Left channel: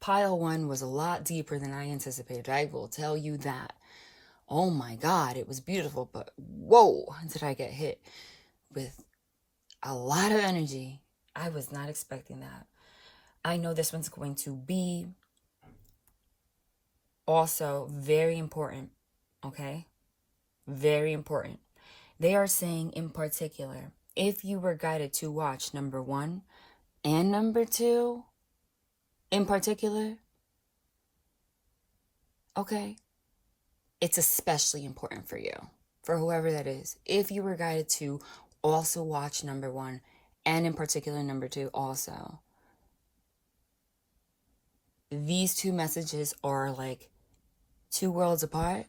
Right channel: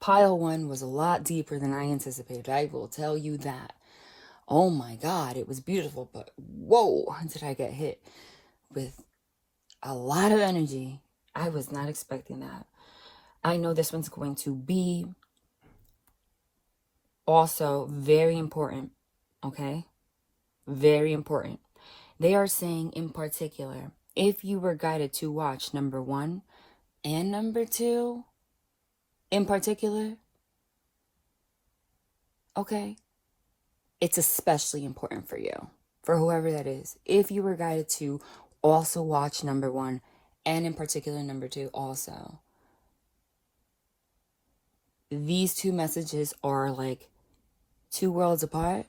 Pile 1 was a lot deeper than I anticipated. I will tell you that. Oh my God, it was beautiful, but whoa, did I get hit with a lot of energy. I was not expecting that. I know this one's going to be also very important, okay? Very important. They are saying in particular, if you were guided to watch number 1 and number 2 in particular, okay, it's especially important for you, for whoever that is. If you were guided to also watch number 1 and in particular number 2 also, these two messages are like 2 worlds apart,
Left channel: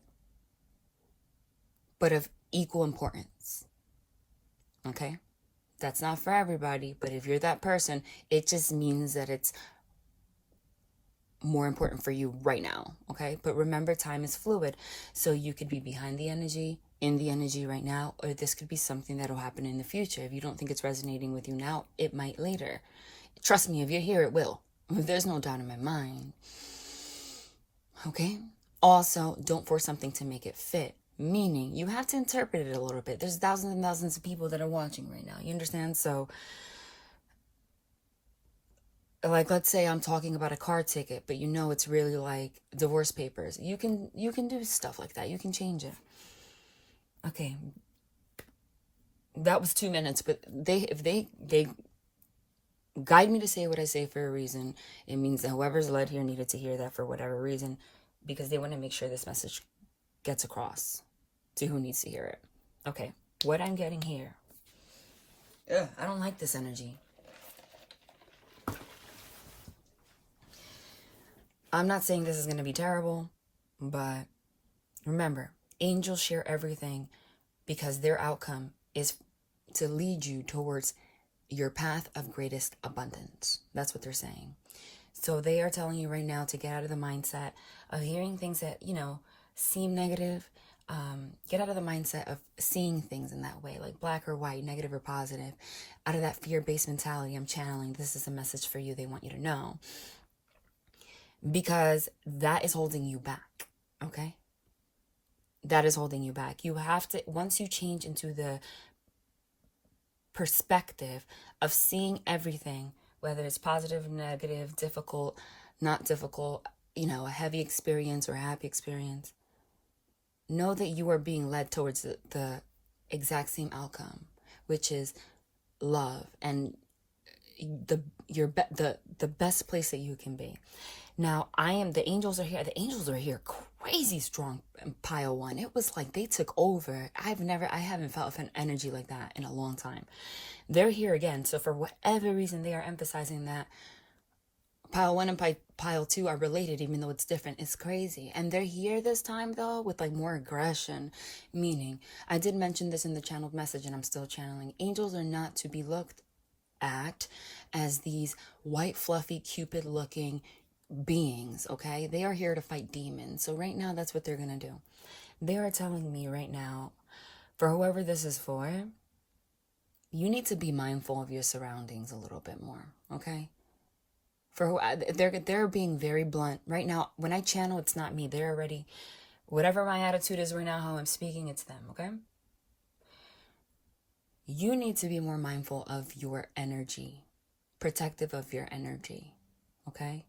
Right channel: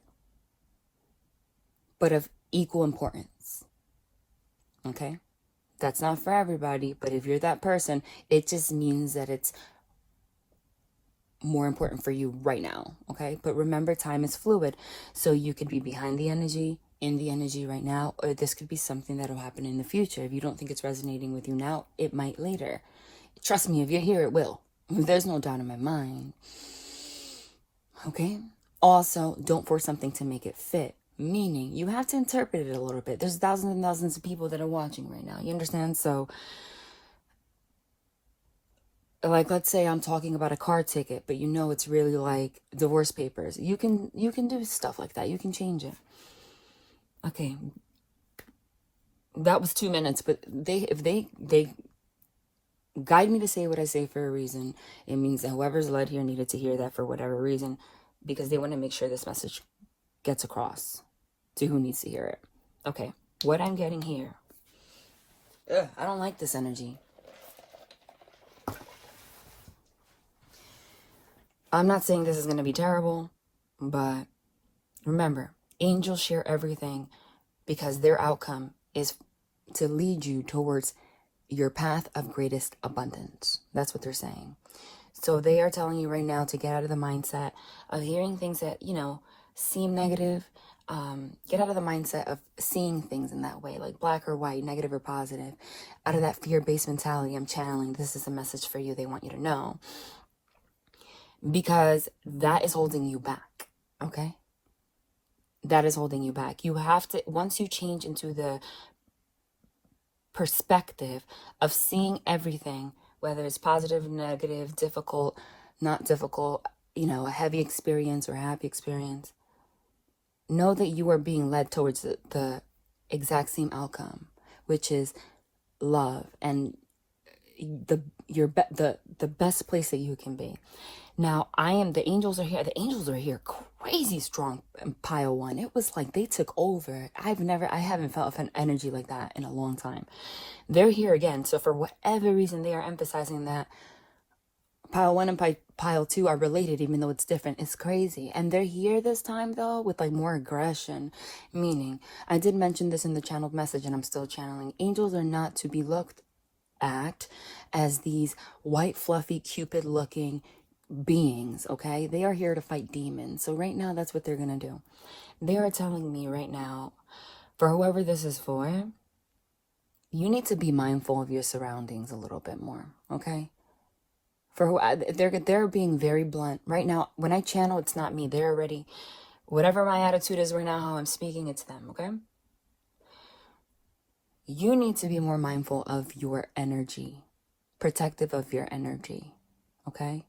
but of equal importance. Okay? That's not for everybody, but if you're that person, it just means that it's more important for you right now. Okay? But remember, time is fluid. So you could be behind the energy, in the energy right now, or this could be something that'll happen in the future. If you don't think it's resonating with you now, it might later. Trust me, if you're here, it will. There's no doubt in my mind. Okay? Also, don't force something to make it fit. Meaning, you have to interpret it a little bit. There's thousands and thousands of people that are watching right now. You understand? So, like, let's say I'm talking about a car ticket, but you know it's really like divorce papers. You can do stuff like that. You can change it. Okay. That was 2 minutes, but if they guide me to say what I say for a reason, it means that whoever's led here needed to hear that for whatever reason, because they want to make sure this message gets across to who needs to hear it. Okay, what I'm getting here. I don't like this energy. I'm not saying this is going to be terrible, but remember, angels share everything because their outcome is to lead you towards your path of greatest abundance. That's what they're saying. So they are telling you right now to get out of the mindset of hearing things that, seem negative. Get out of the mindset of seeing things in that way, like black or white, negative or positive. Out of that fear-based mentality, I'm channeling, this is a message for you. They want you to know. Because that is holding you back, okay? That is holding you back. You have to, once you change into the perspective of seeing everything, whether it's positive, negative, difficult, not difficult, a heavy experience or a happy experience, know that you are being led towards the exact same outcome, which is love and the best place that you can be. Now, the angels are here. The angels are here crazy strong in pile 1. It was like they took over. I haven't felt an energy like that in a long time. They're here again. So for whatever reason, they are emphasizing that pile 1 and pile 2 are related, even though it's different. It's crazy. And they're here this time, though, with like more aggression. Meaning, I did mention this in the channeled message, and I'm still channeling. Angels are not to be looked at as these white, fluffy, Cupid-looking beings, okay? They are here to fight demons. So right now, that's what they're going to do. They are telling me right now, for whoever this is for, you need to be mindful of your surroundings a little bit more, okay? They're being very blunt. Right now, when I channel, it's not me. They're already, whatever my attitude is right now, how I'm speaking, it's them, okay? You need to be more mindful of your energy, protective of your energy, okay?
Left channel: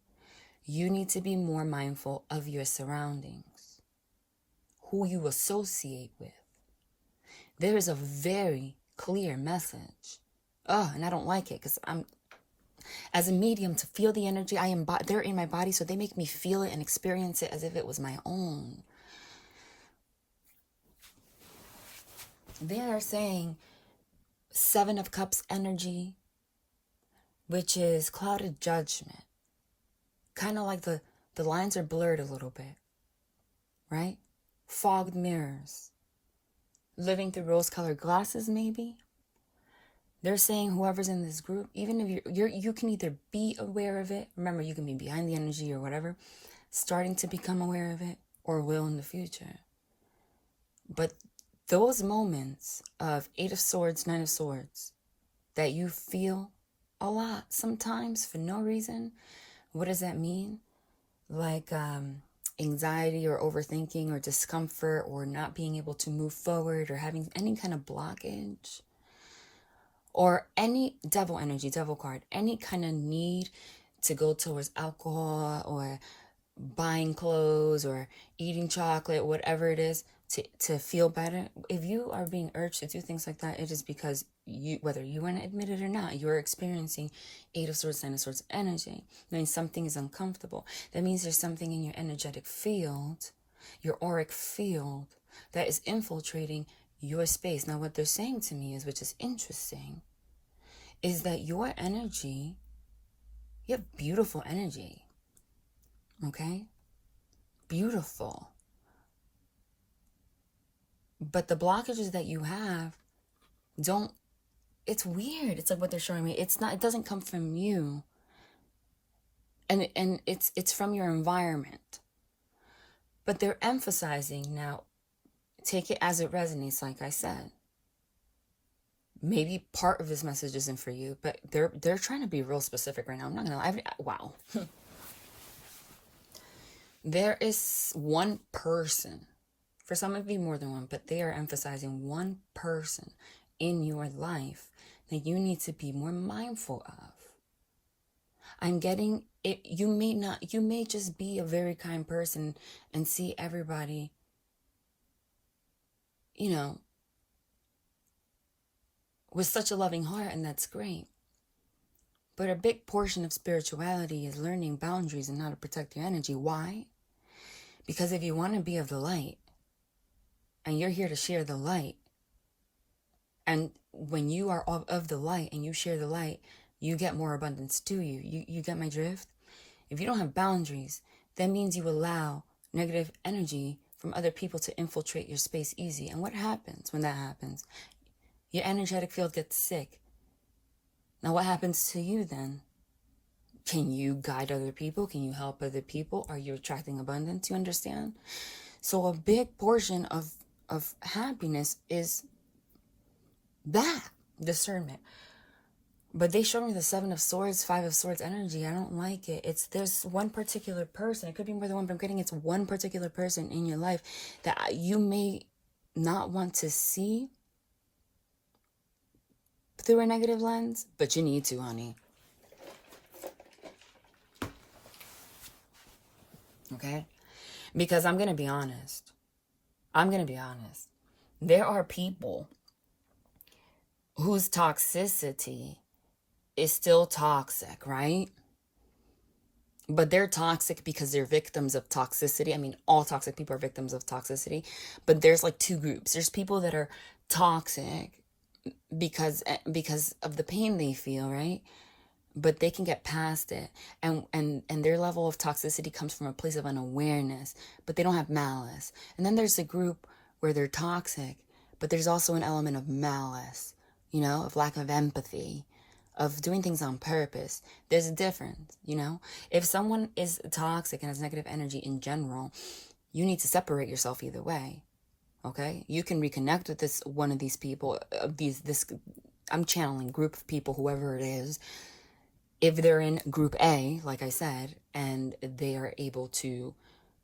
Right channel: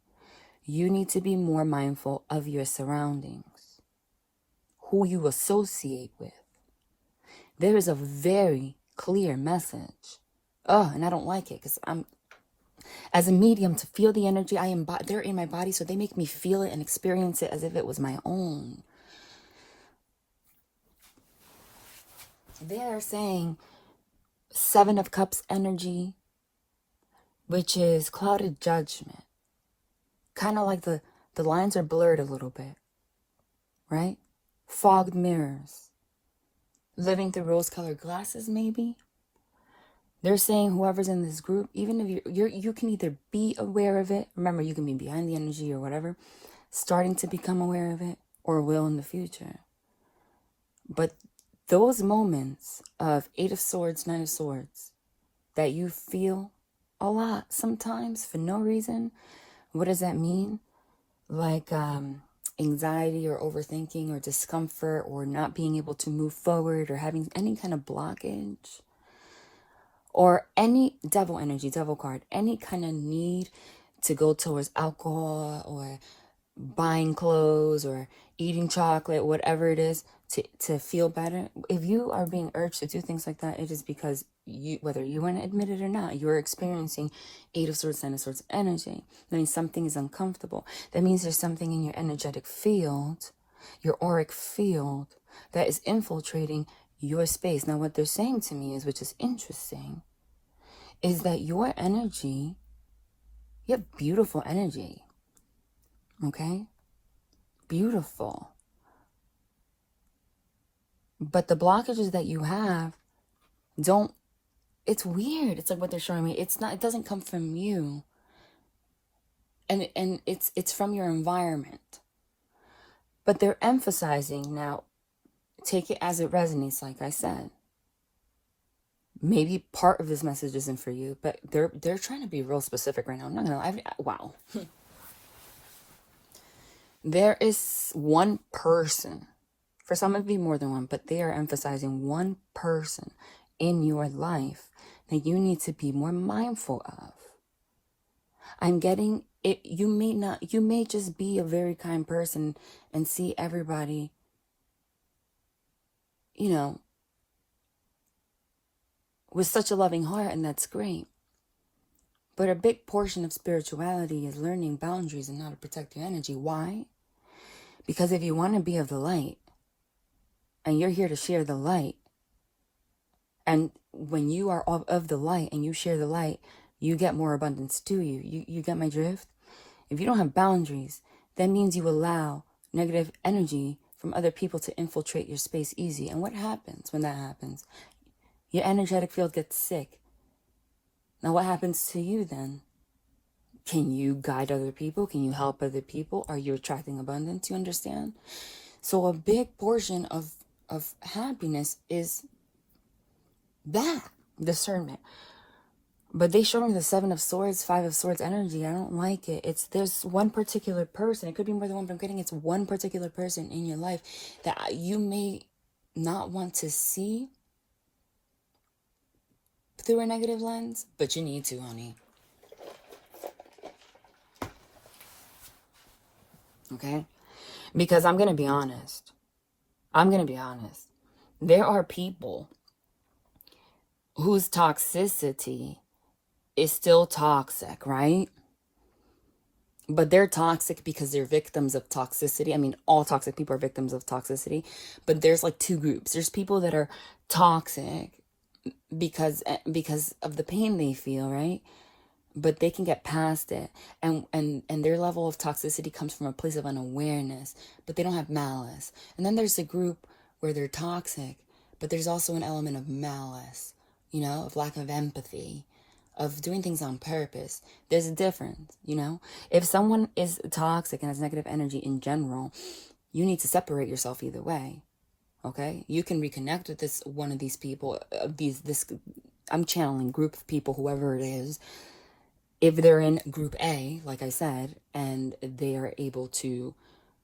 You need to be more mindful of your surroundings, who you associate with. There is a very clear message. And I don't like it because I'm, as a medium, to feel the energy, they're in my body, so they make me feel it and experience it as if it was my own. They are saying 7 of Cups energy, which is clouded judgment. Kind of like the lines are blurred a little bit, right? Fogged mirrors. Living through rose-colored glasses, maybe. They're saying whoever's in this group, even if you can either be aware of it, remember you can be behind the energy or whatever, starting to become aware of it, or will in the future. But those moments of 8 of Swords, 9 of Swords, that you feel a lot sometimes for no reason, what does that mean? like anxiety or overthinking or discomfort or not being able to move forward or having any kind of blockage or any devil energy, devil card, any kind of need to go towards alcohol or buying clothes or eating chocolate, whatever it is, to feel better. If you are being urged to do things like that, it is because you, whether you want to admit it or not, you're experiencing Eight of Swords, Ten of Swords energy. That means something is uncomfortable. That means there's something in your energetic field, your auric field, that is infiltrating your space. Now, what they're saying to me is, which is interesting, is that your energy, you have beautiful energy. Okay? Beautiful. But the blockages that you have don't, it's weird. It's like what they're showing me. It's not, it doesn't come from you. And it's from your environment. But they're emphasizing, now, take it as it resonates, like I said. Maybe part of this message isn't for you, but they're trying to be real specific right now. I'm not gonna lie. Wow. There is one person, for some it be more than one, but they are emphasizing one person in your life that you need to be more mindful of. I'm getting it. You may just be a very kind person and see everybody, with such a loving heart, and that's great. But a big portion of spirituality is learning boundaries and how to protect your energy. Why? Because if you want to be of the light, and you're here to share the light, and when you are of the light and you share the light, you get more abundance to you. You get my drift? If you don't have boundaries, that means you allow negative energy from other people to infiltrate your space easy. And what happens when that happens? Your energetic field gets sick. Now what happens to you then? Can you guide other people? Can you help other people? Are you attracting abundance? You understand? So a big portion of happiness is that discernment. But they showed me the Seven of Swords, Five of Swords energy. I don't like it. There's one particular person. It could be more than one, but I'm getting it's one particular person in your life that you may not want to see through a negative lens, but you need to, honey. Okay? Because I'm going to be honest. There are people whose toxicity is still toxic, right? But they're toxic because they're victims of toxicity. I mean, all toxic people are victims of toxicity. But there's like two groups. There's people that are toxic because of the pain they feel, right? But they can get past it, and their level of toxicity comes from a place of unawareness, but they don't have malice. And then there's a group where they're toxic, but there's also an element of malice, of lack of empathy, of doing things on purpose. There's a difference, If someone is toxic and has negative energy in general, you need to separate yourself either way. Okay, you can reconnect with one of these people, I'm channeling group of people, whoever it is. If they're in group A, like I said, and they are able to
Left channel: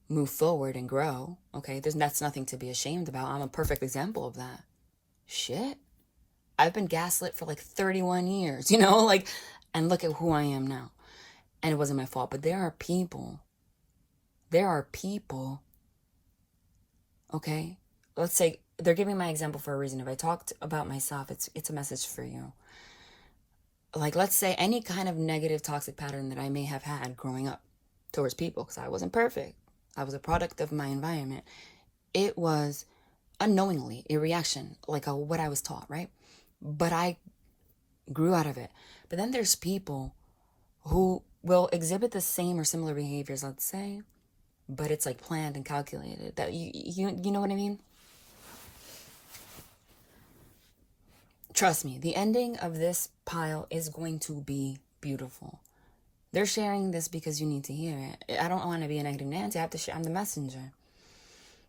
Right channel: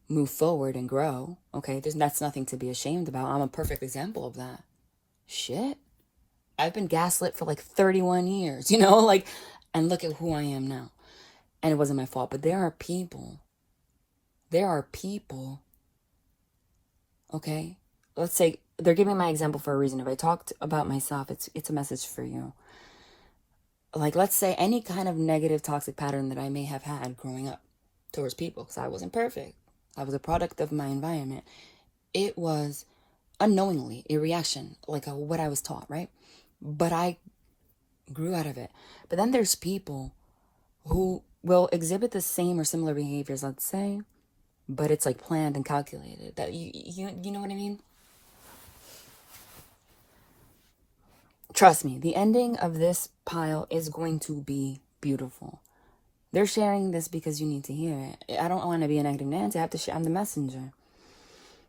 move forward and grow, okay, that's nothing to be ashamed about. I'm a perfect example of that. Shit, I've been gaslit for like 31 years, and look at who I am now. And it wasn't my fault, but there are people, okay? Let's say they're giving my example for a reason. If I talked about myself, it's a message for you. Like, let's say any kind of negative toxic pattern that I may have had growing up towards people, because I wasn't perfect. I was a product of my environment. It was unknowingly a reaction, like what I was taught, right? But I grew out of it. But then there's people who will exhibit the same or similar behaviors, let's say, but it's like planned and calculated. That you know what I mean? Trust me, the ending of this pile is going to be beautiful. They're sharing this because you need to hear it. I don't want to be a negative Nancy. I have to share. I'm the messenger.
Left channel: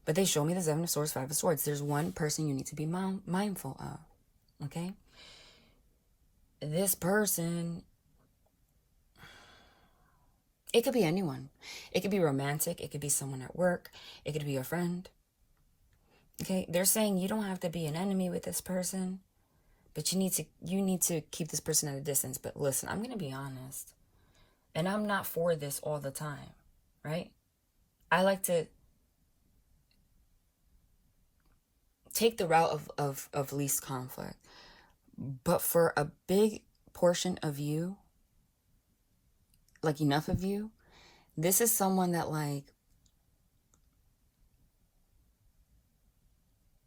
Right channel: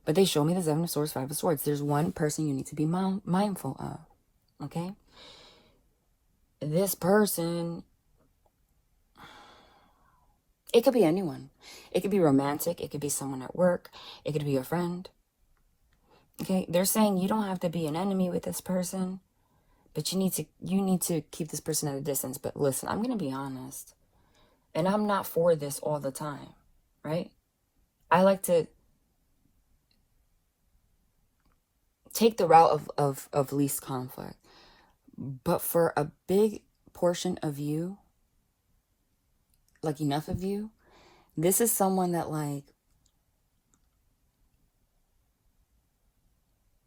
But they show me the Seven of Swords, Five of Swords. There's one person you need to be mindful of. Okay? This person It could be anyone. It could be romantic. It could be someone at work. It could be a friend. Okay, they're saying you don't have to be an enemy with this person, but you need to keep this person at a distance. But listen, I'm gonna be honest, and I'm not for this all the time, right? I like to take the route of least conflict. But for a big portion of you, like enough of you, this is someone that like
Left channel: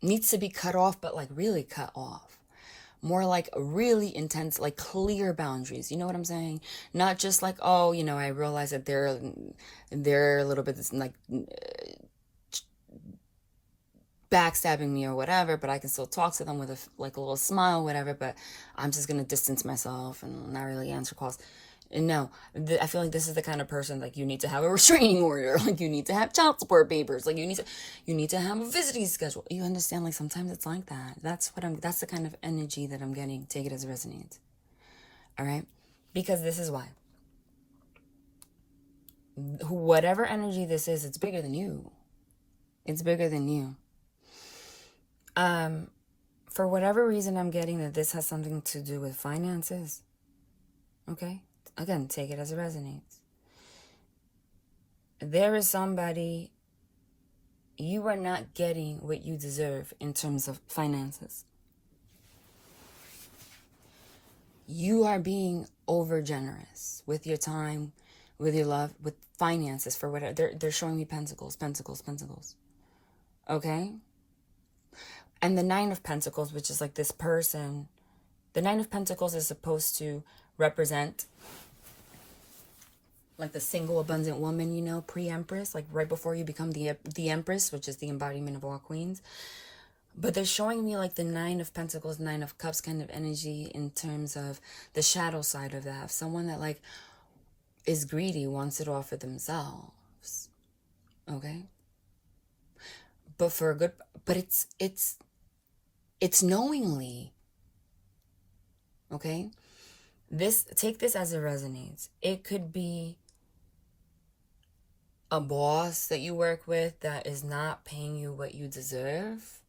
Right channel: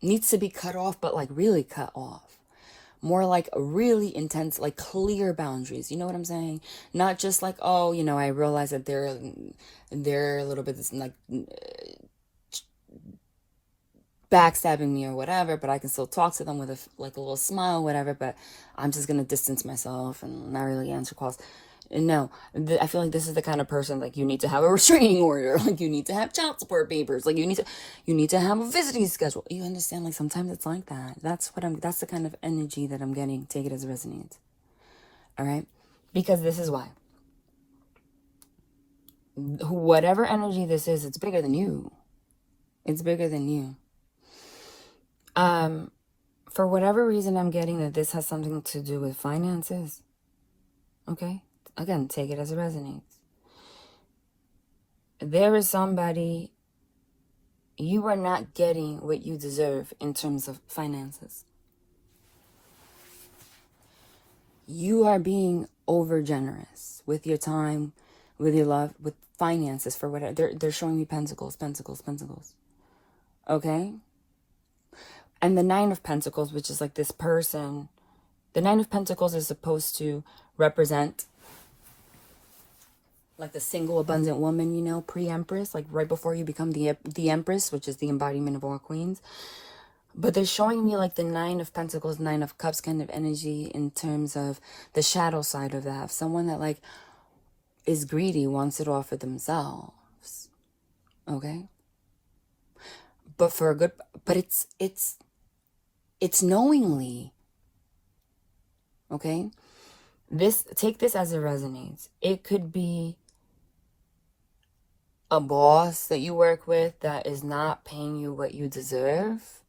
needs to be cut off, but like really cut off. More like really intense, like clear boundaries. You know what I'm saying? Not just like, oh, you know, I realize that they're a little bit like backstabbing me or whatever, but I can still talk to them with a little smile, whatever. But I'm just gonna distance myself and not really answer calls. No, I feel like this is the kind of person like you need to have a restraining order, like you need to have child support papers, like you need to have a visiting schedule. You understand? Like sometimes it's like that. That's the kind of energy that I'm getting. Take it as it resonates. All right, because this is why. Whatever energy this is, it's bigger than you. It's bigger than you. For whatever reason, I'm getting that this has something to do with finances. Okay. Again, take it as it resonates. There is somebody, you are not getting what you deserve in terms of finances. You are being over generous with your time, with your love, with finances, for whatever. They're showing me pentacles. Okay? And the Nine of Pentacles, which is like this person, the Nine of Pentacles is supposed to represent like the single abundant woman, you know, pre-empress, like right before you become the empress, which is the embodiment of all queens. But they're showing me like the Nine of Pentacles, Nine of Cups kind of energy in terms of the shadow side of that. Someone that like is greedy, wants it all for themselves. Okay? But for a good, but it's knowingly. Okay? Take this as it resonates. It could be a boss that you work with that is not paying you what you deserve,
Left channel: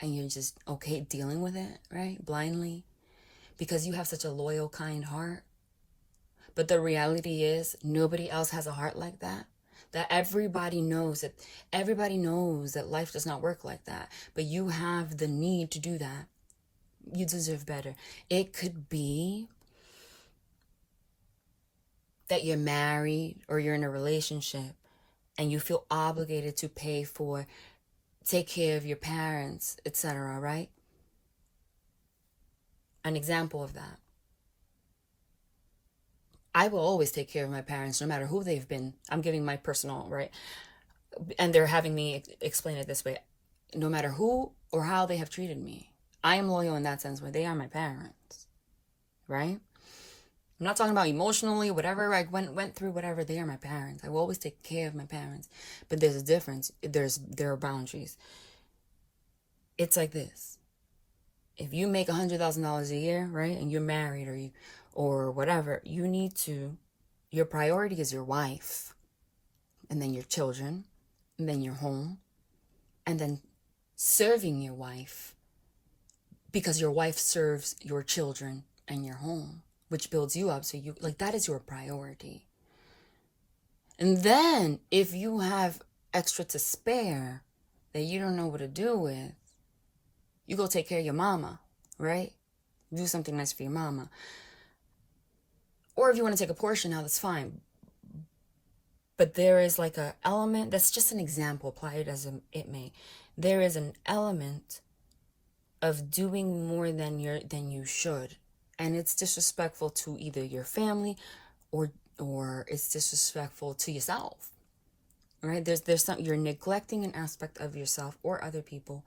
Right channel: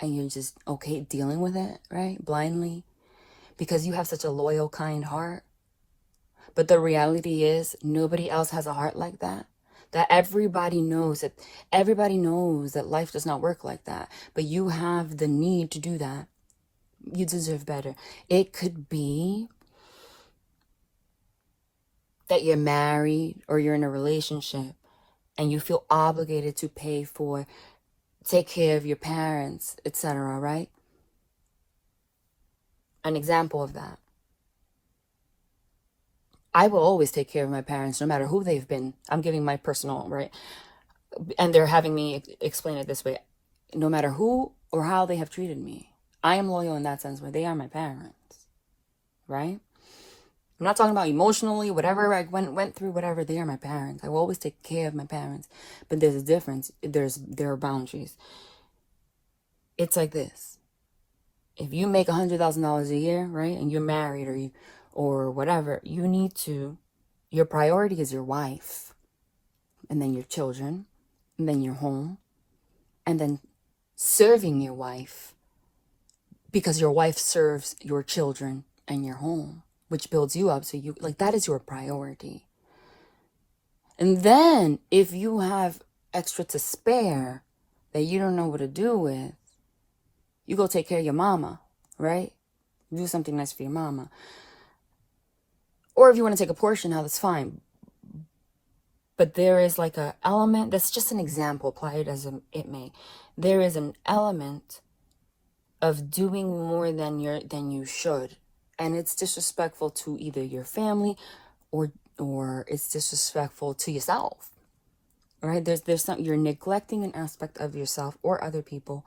and you're just okay dealing with it, right? Blindly, because you have such a loyal, kind heart. But the reality is nobody else has a heart like that. That everybody knows that life does not work like that. But you have the need to do that. You deserve better. It could be that you're married or you're in a relationship and you feel obligated to take care of your parents, etc., right? An example of that. I will always take care of my parents no matter who they've been. I'm giving my personal, right? And they're having me explain it this way. No matter who or how they have treated me, I am loyal in that sense where they are my parents, right? I'm not talking about emotionally, whatever I went through, whatever, they are my parents. I will always take care of my parents. But there's a difference. There are boundaries. It's like this. If you make $100,000 a year, right, and you're married or whatever, your priority is your wife, and then your children, and then your home, and then serving your wife, because your wife serves your children and your home, which builds you up. So you like that is your priority. And then if you have extra to spare that you don't know what to do with, you go take care of your mama, right? Do something nice for your mama. Or if you want to take a portion out, that's fine. But there is like an element, that's just an example, apply it as it may. There is an element of doing more than you should. And it's disrespectful to either your family or it's disrespectful to yourself. Right? There's some, you're neglecting an aspect of yourself or other people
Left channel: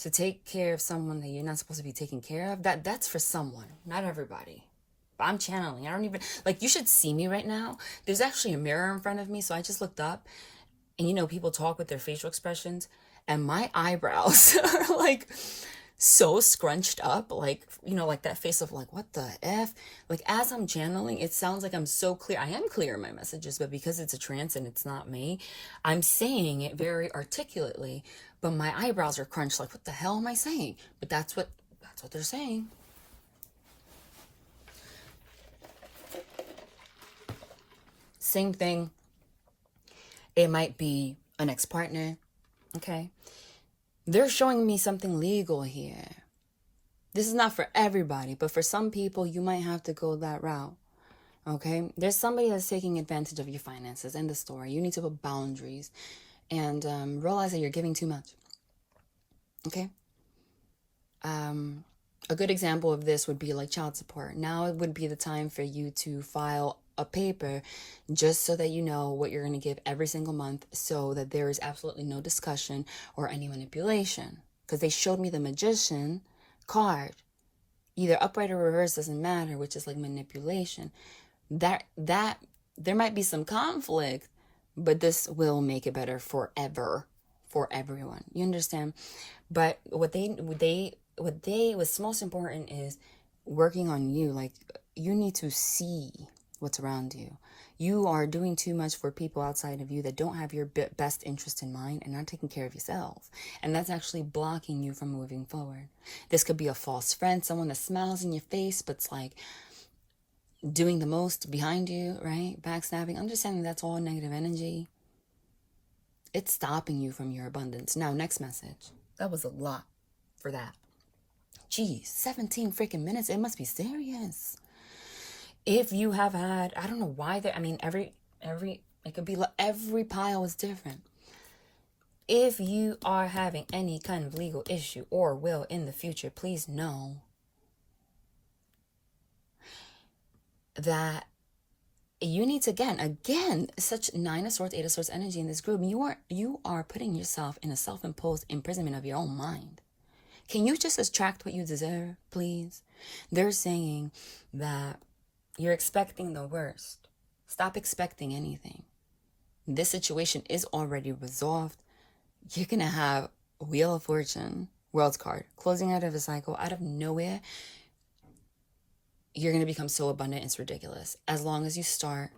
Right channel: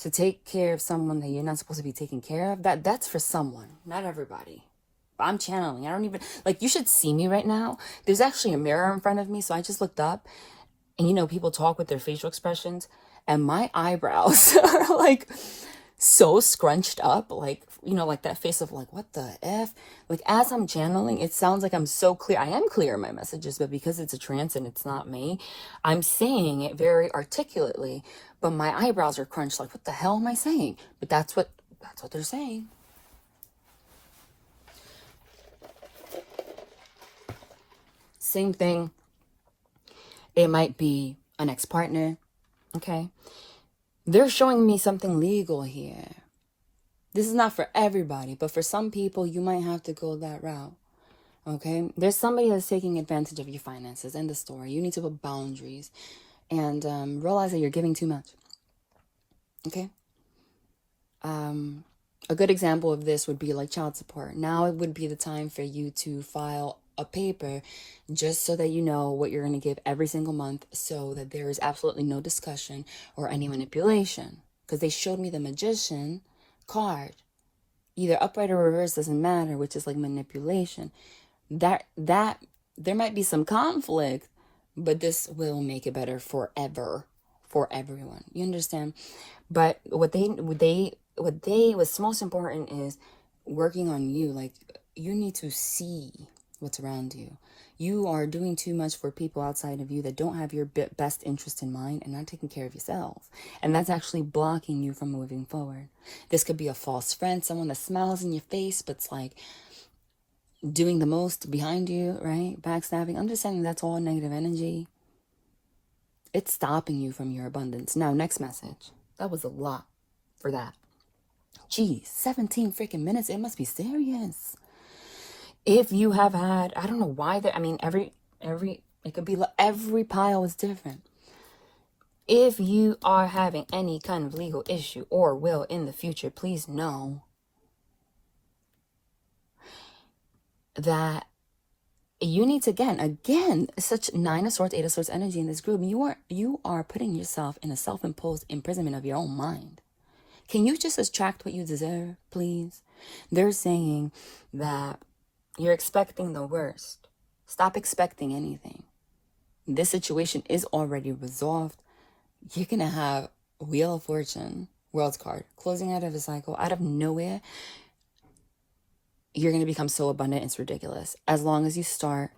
to take care of someone that you're not supposed to be taking care of. That's for someone, not everybody. I'm channeling. I don't even, like, you should see me right now. There's actually a mirror in front of me. So I just looked up and, you know, people talk with their facial expressions and my eyebrows are like so scrunched up, like, you know, like that face of like, what the F? Like, as I'm channeling, it sounds like I'm so clear. I am clear in my messages, but because it's a trance and it's not me, I'm saying it very articulately, but my eyebrows are crunched. Like, what the hell am I saying? But that's what they're saying. Same thing. It might be an ex-partner. Okay. They're showing me something legal here. This is not for everybody, but for some people, you might have to go that route. Okay? There's somebody that's taking advantage of your finances. End of story. You need to put boundaries and realize that you're giving too much. Okay? A good example of this would be like child support. Now it would be the time for you to file a paper just so that you know what you're going to give every single month, so that there is absolutely no discussion or any manipulation. Because they showed me the magician card, either upright or reverse, doesn't matter, which is like manipulation. That there might be some conflict, but this will make it better forever for everyone. You understand? But what's most important is working on you. Like, you need to see what's around you. You are doing too much for people outside of you that don't have your best interest in mind and not taking care of yourself. And that's actually blocking you from moving forward. This could be a false friend, someone that smiles in your face, but's like doing the most behind you, right? Backstabbing. I'm just saying that's all negative energy. It's stopping you from your abundance. Now, next message. That was a lot for that. Geez, 17 freaking minutes. It must be serious. If you have had, I don't know why it could be like every pile is different. If you are having any kind of legal issue or will in the future, please know that you need to, again, such 9 of Swords, 8 of Swords energy in this group. You are putting yourself in a self-imposed imprisonment of your own mind. Can you just attract what you deserve, please? They're saying that you're expecting the worst. Stop expecting anything. This situation is already resolved. You're going to have Wheel of Fortune, World's card, closing out of a cycle, out of nowhere. You're going to become so abundant, it's ridiculous. As long as you start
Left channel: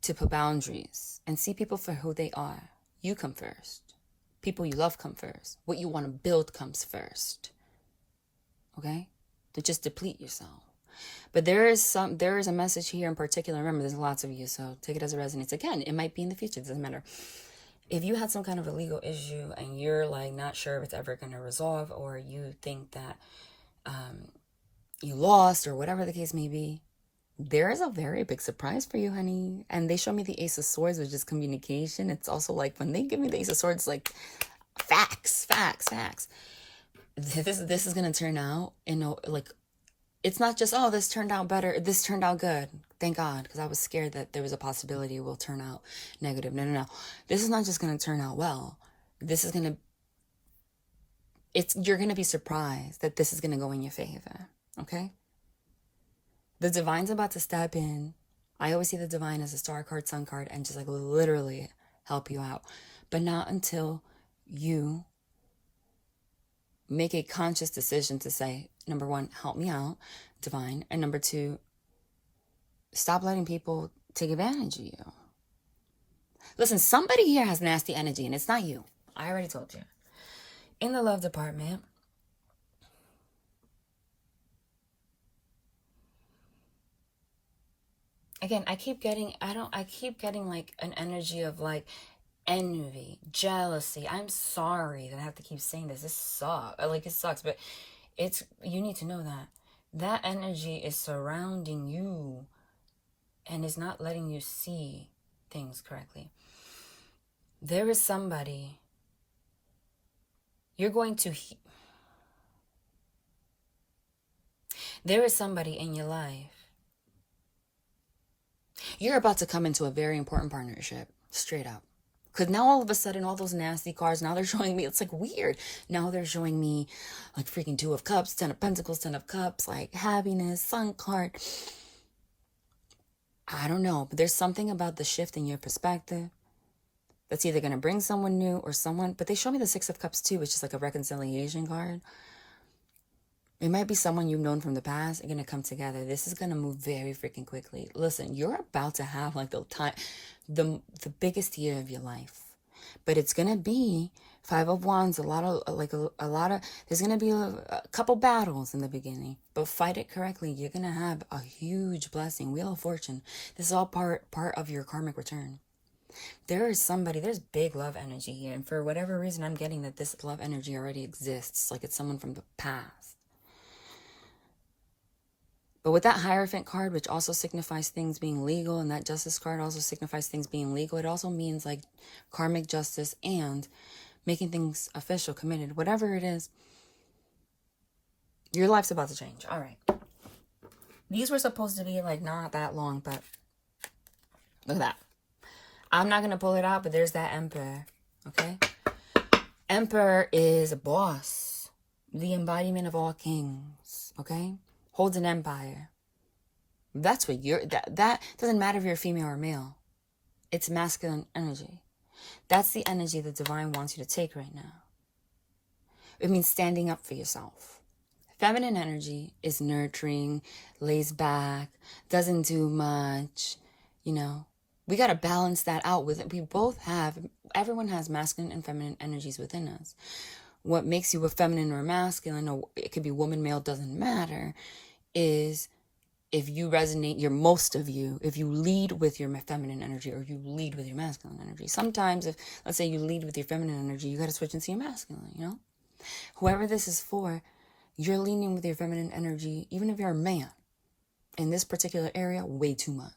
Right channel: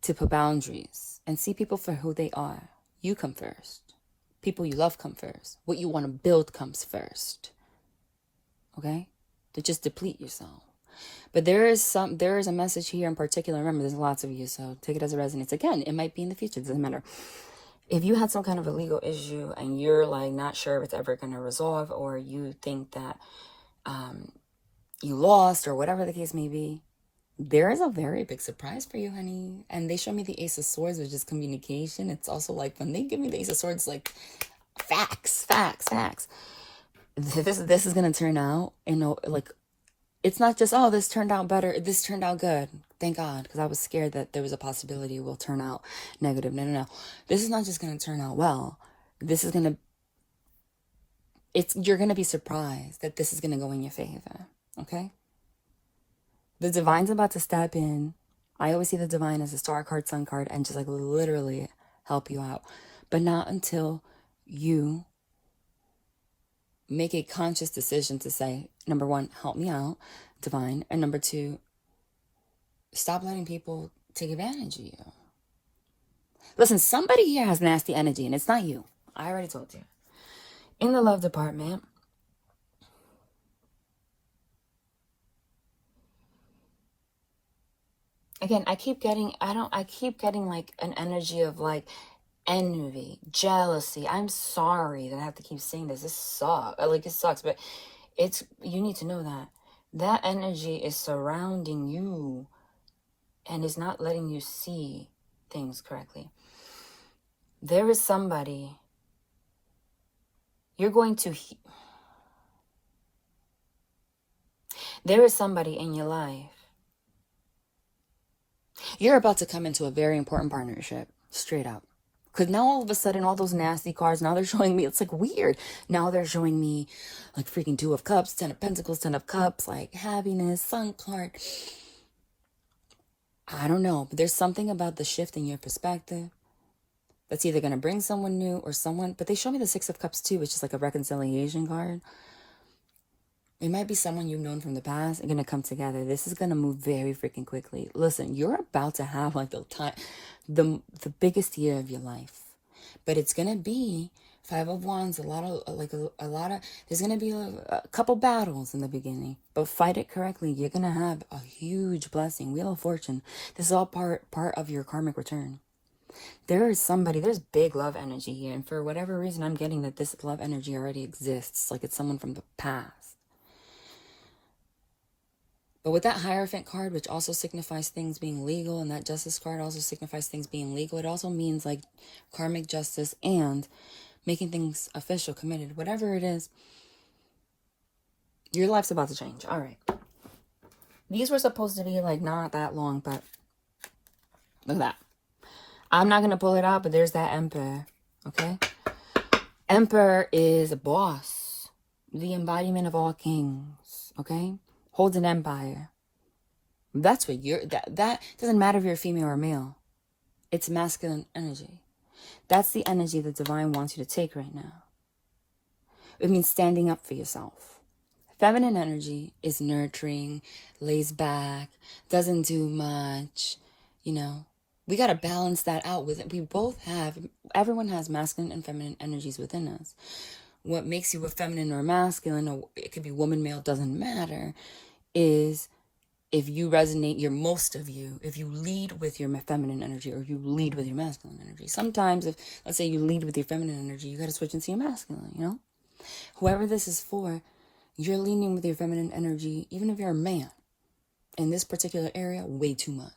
to put boundaries and see people for who they are. You come first. People you love come first. What you want to build comes first. Okay? To just deplete yourself. But there is a message here in particular. Remember, there's lots of you, so take it as it resonates. Again, it might be in the future. It doesn't matter. If you had some kind of a legal issue and you're like not sure if it's ever going to resolve, or you think that you lost, or whatever the case may be, there is a very big surprise for you, honey. And they show me the Ace of Swords, which is communication. It's also like when they give me the Ace of Swords, like facts. This is going to turn out, like, it's not just, oh, this turned out better, this turned out good. Thank God, because I was scared that there was a possibility it will turn out negative. No. This is not just going to turn out well. This is going to, you're going to be surprised that this is going to go in your favor. Okay? The divine's about to step in. I always see the divine as a star card, sun card, and just like literally help you out. But not until you make a conscious decision to say, number 1, help me out, divine. And number 2, stop letting people take advantage of you. Listen, somebody here has nasty energy, and it's not you. I already told you. In the love department, again, I keep getting like an energy of like envy, jealousy. I'm sorry that I have to keep saying this. This sucks. Like, it sucks, but you need to know that energy is surrounding you and is not letting you see things correctly. There is somebody there is somebody in your life. You're about to come into a very important partnership, straight up. Because now all of a sudden, all those nasty cards, now they're showing me, it's like weird. Now they're showing me like freaking 2 of Cups, 10 of Pentacles, 10 of Cups, like happiness, Sun card. I don't know, but there's something about the shift in your perspective. That's either going to bring someone new or someone, but they show me the Six of Cups too, which is like a reconciliation card. It might be someone you've known from the past and going to come together. This is going to move very freaking quickly. Listen, you're about to have like the biggest year of your life. But it's going to be Five of Wands, a lot of, there's going to be a couple battles in the beginning. But fight it correctly. You're going to have a huge blessing. Wheel of Fortune. This is all part of your karmic return. There's big love energy here. And for whatever reason, I'm getting that this love energy already exists. Like it's someone from the past. But with that Hierophant card, which also signifies things being legal, and that Justice card also signifies things being legal, it also means like karmic justice and making things official, committed, whatever it is. Your life's about to change. All right. These were supposed to be like not that long, but look at that. I'm not going to pull it out, but there's that Emperor. Okay. Emperor is a boss, the embodiment of all kings. Okay. Holds an empire. That's what that doesn't matter if you're a female or male. It's masculine energy. That's the energy the divine wants you to take right now. It means standing up for yourself. Feminine energy is nurturing, lays back, doesn't do much. We got to balance that out with it. Everyone has masculine and feminine energies within us. What makes you a feminine or a masculine, or it could be woman, male, doesn't matter, is if you resonate, if you lead with your feminine energy or you lead with your masculine energy. Sometimes let's say you lead with your feminine energy, you got to switch into your masculine, Whoever this is for, you're leaning with your feminine energy, even if you're a man, in this particular area, way too much.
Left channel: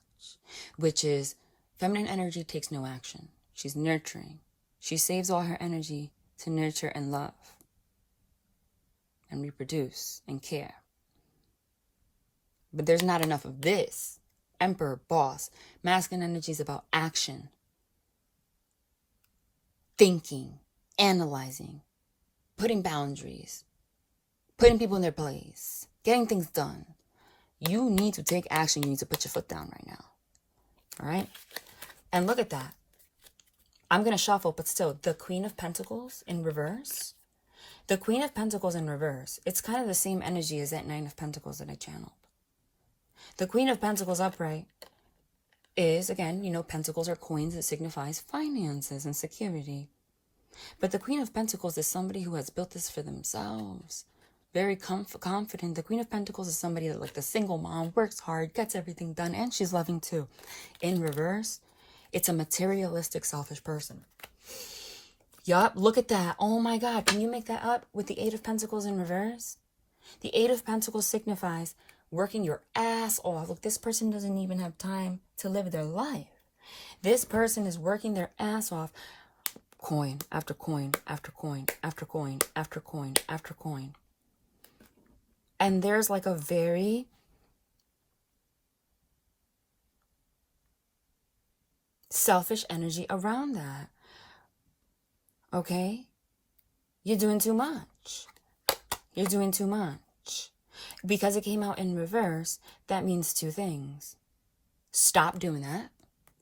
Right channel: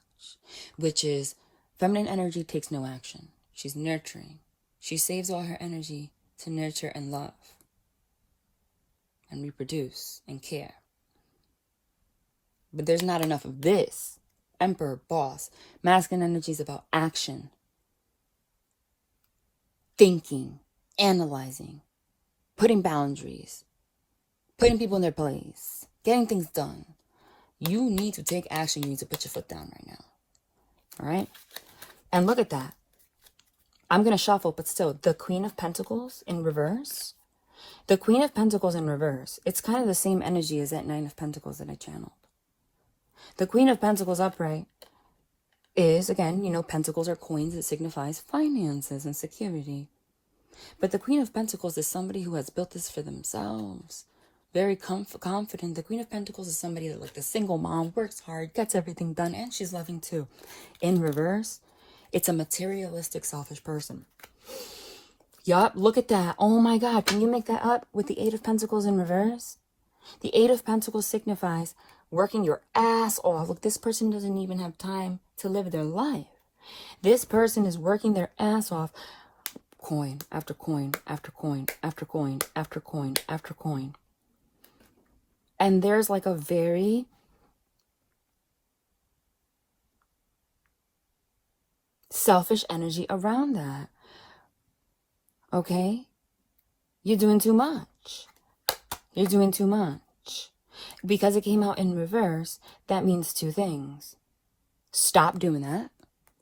Which is, feminine energy takes no action. She's nurturing. She saves all her energy to nurture and love and reproduce and care. But there's not enough of this. Emperor, boss. Masculine energy is about action. Thinking. Analyzing. Putting boundaries. Putting people in their place. Getting things done. You need to take action. You need to put your foot down right now. All right? And look at that. I'm going to shuffle, but still, the Queen of Pentacles in reverse. The Queen of Pentacles in reverse. It's kind of the same energy as that Nine of Pentacles that I channeled. The Queen of Pentacles upright is, again, pentacles are coins. It signifies finances and security. But the Queen of Pentacles is somebody who has built this for themselves. Very confident. The Queen of Pentacles is somebody that, like the single mom, works hard, gets everything done, and she's loving too. In reverse, it's a materialistic, selfish person. Yup, look at that. Oh my God, can you make that up with the Eight of Pentacles in reverse? The Eight of Pentacles signifies working your ass off. Look, this person doesn't even have time to live their life. This person is working their ass off. Coin after coin after coin after coin after coin after coin. And there's like a very selfish energy around that. Okay? You're doing too much. You're doing too much. Because it came out in reverse, that means two things. Stop doing that.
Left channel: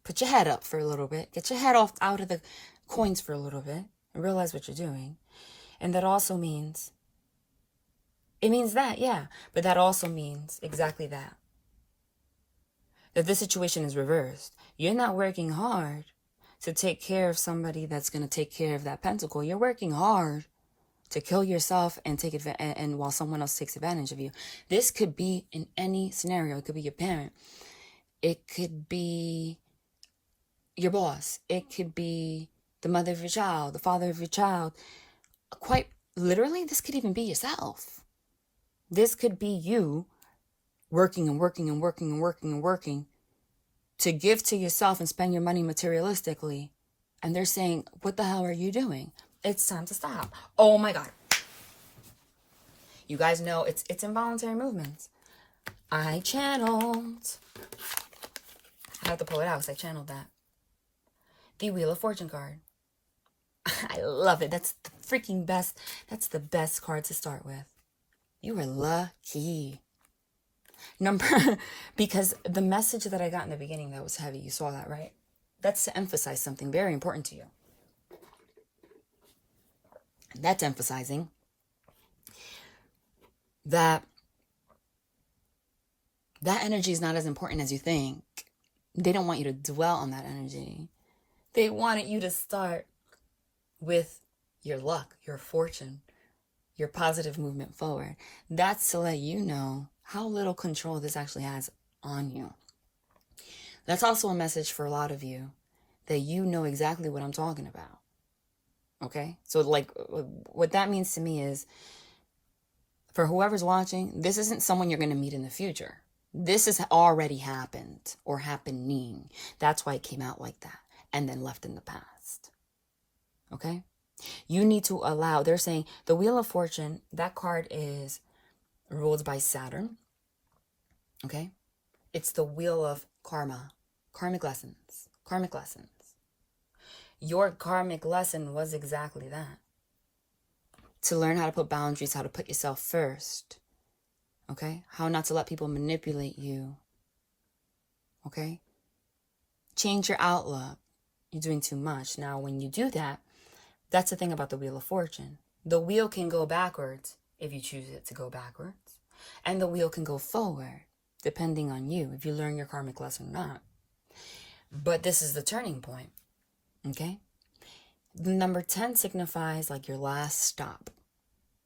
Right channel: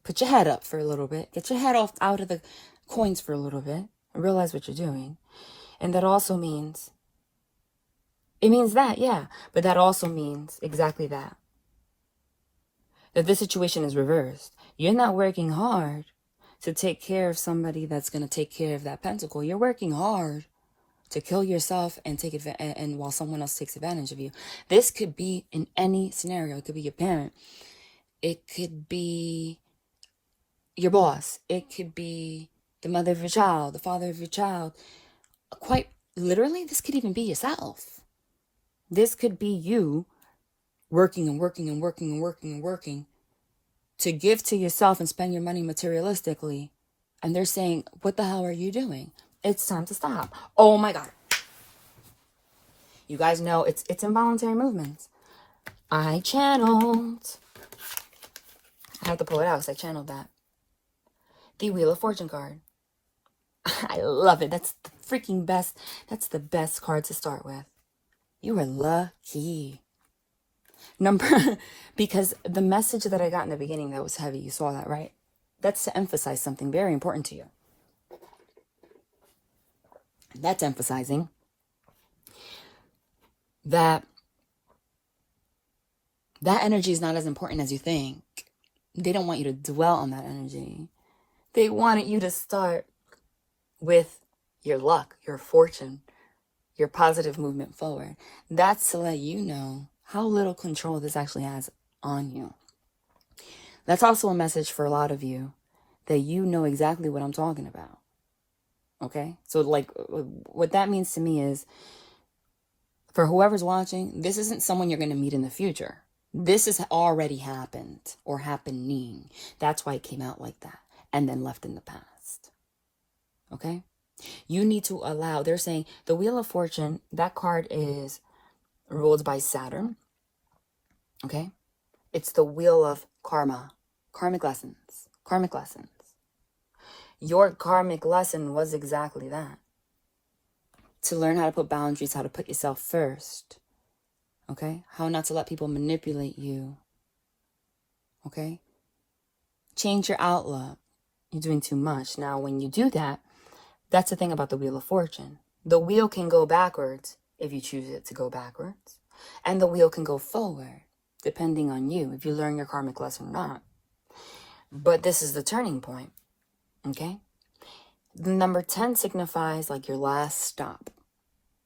Put your head up for a little bit. Get your head out of the coins for a little bit. And realize what you're doing. And that also means, it means that, yeah. But that also means exactly that. That this situation is reversed. You're not working hard to take care of somebody that's going to take care of that pentacle. You're working hard to kill yourself and take advantage, and while someone else takes advantage of you. This could be in any scenario. It could be your parent. It could be your boss. It could be the mother of your child, the father of your child. Quite literally, this could even be yourself. This could be you working and working and working and working and working to give to yourself and spend your money materialistically. And they're saying, what the hell are you doing? It's time to stop. Oh my God. You guys know it's involuntary movements. I channeled. I have to pull it out because I channeled that. The Wheel of Fortune card. I love it. That's the freaking best. That's the best card to start with. You are lucky. Because the message that I got in the beginning that was heavy, you saw that, right? That's to emphasize something very important to you. That's emphasizing that energy is not as important as you think. They don't want you to dwell on that energy. They wanted you to start with your luck, your fortune, your positive movement forward. That's to let you know how little control this actually has on you. That's also a message for a lot of you that you know exactly what I'm talking about. Okay? So like what that means to me is, for whoever's watching, this isn't someone you're going to meet in the future. This has already happened or happening. That's why it came out like that and then left in the past. Okay? You need to allow, they're saying the Wheel of Fortune, that card is ruled by Saturn. Okay? It's the wheel of karma, karmic lessons. Your karmic lesson was exactly that. To learn how to put boundaries, how to put yourself first. Okay? How not to let people manipulate you. Okay? Change your outlook. You're doing too much. Now, when you do that, that's the thing about the Wheel of Fortune. The wheel can go backwards if you choose it to go backwards. And the wheel can go forward, depending on you, if you learn your karmic lesson or not. But this is the turning point. Okay? The number 10 signifies like your last stop.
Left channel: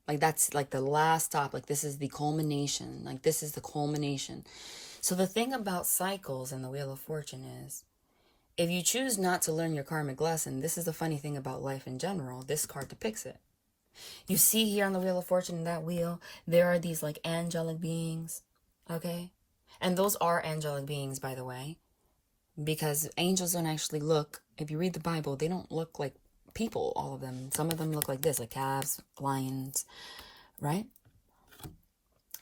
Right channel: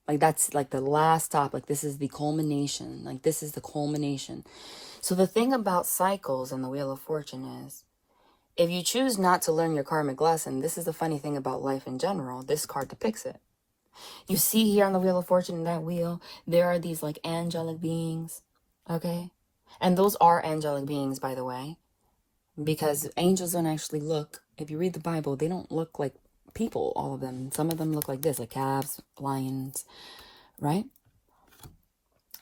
Like that's like the last stop. Like this is the culmination. Like this is the culmination. So the thing about cycles and the Wheel of Fortune is, if you choose not to learn your karmic lesson, this is the funny thing about life in general. This card depicts it. You see here on the Wheel of Fortune, in that wheel, there are these like angelic beings. Okay? And those are angelic beings, by the way. Because angels don't actually look, if you read the Bible, they don't look like people, all of them. Some of them look like this, like calves, lions, right?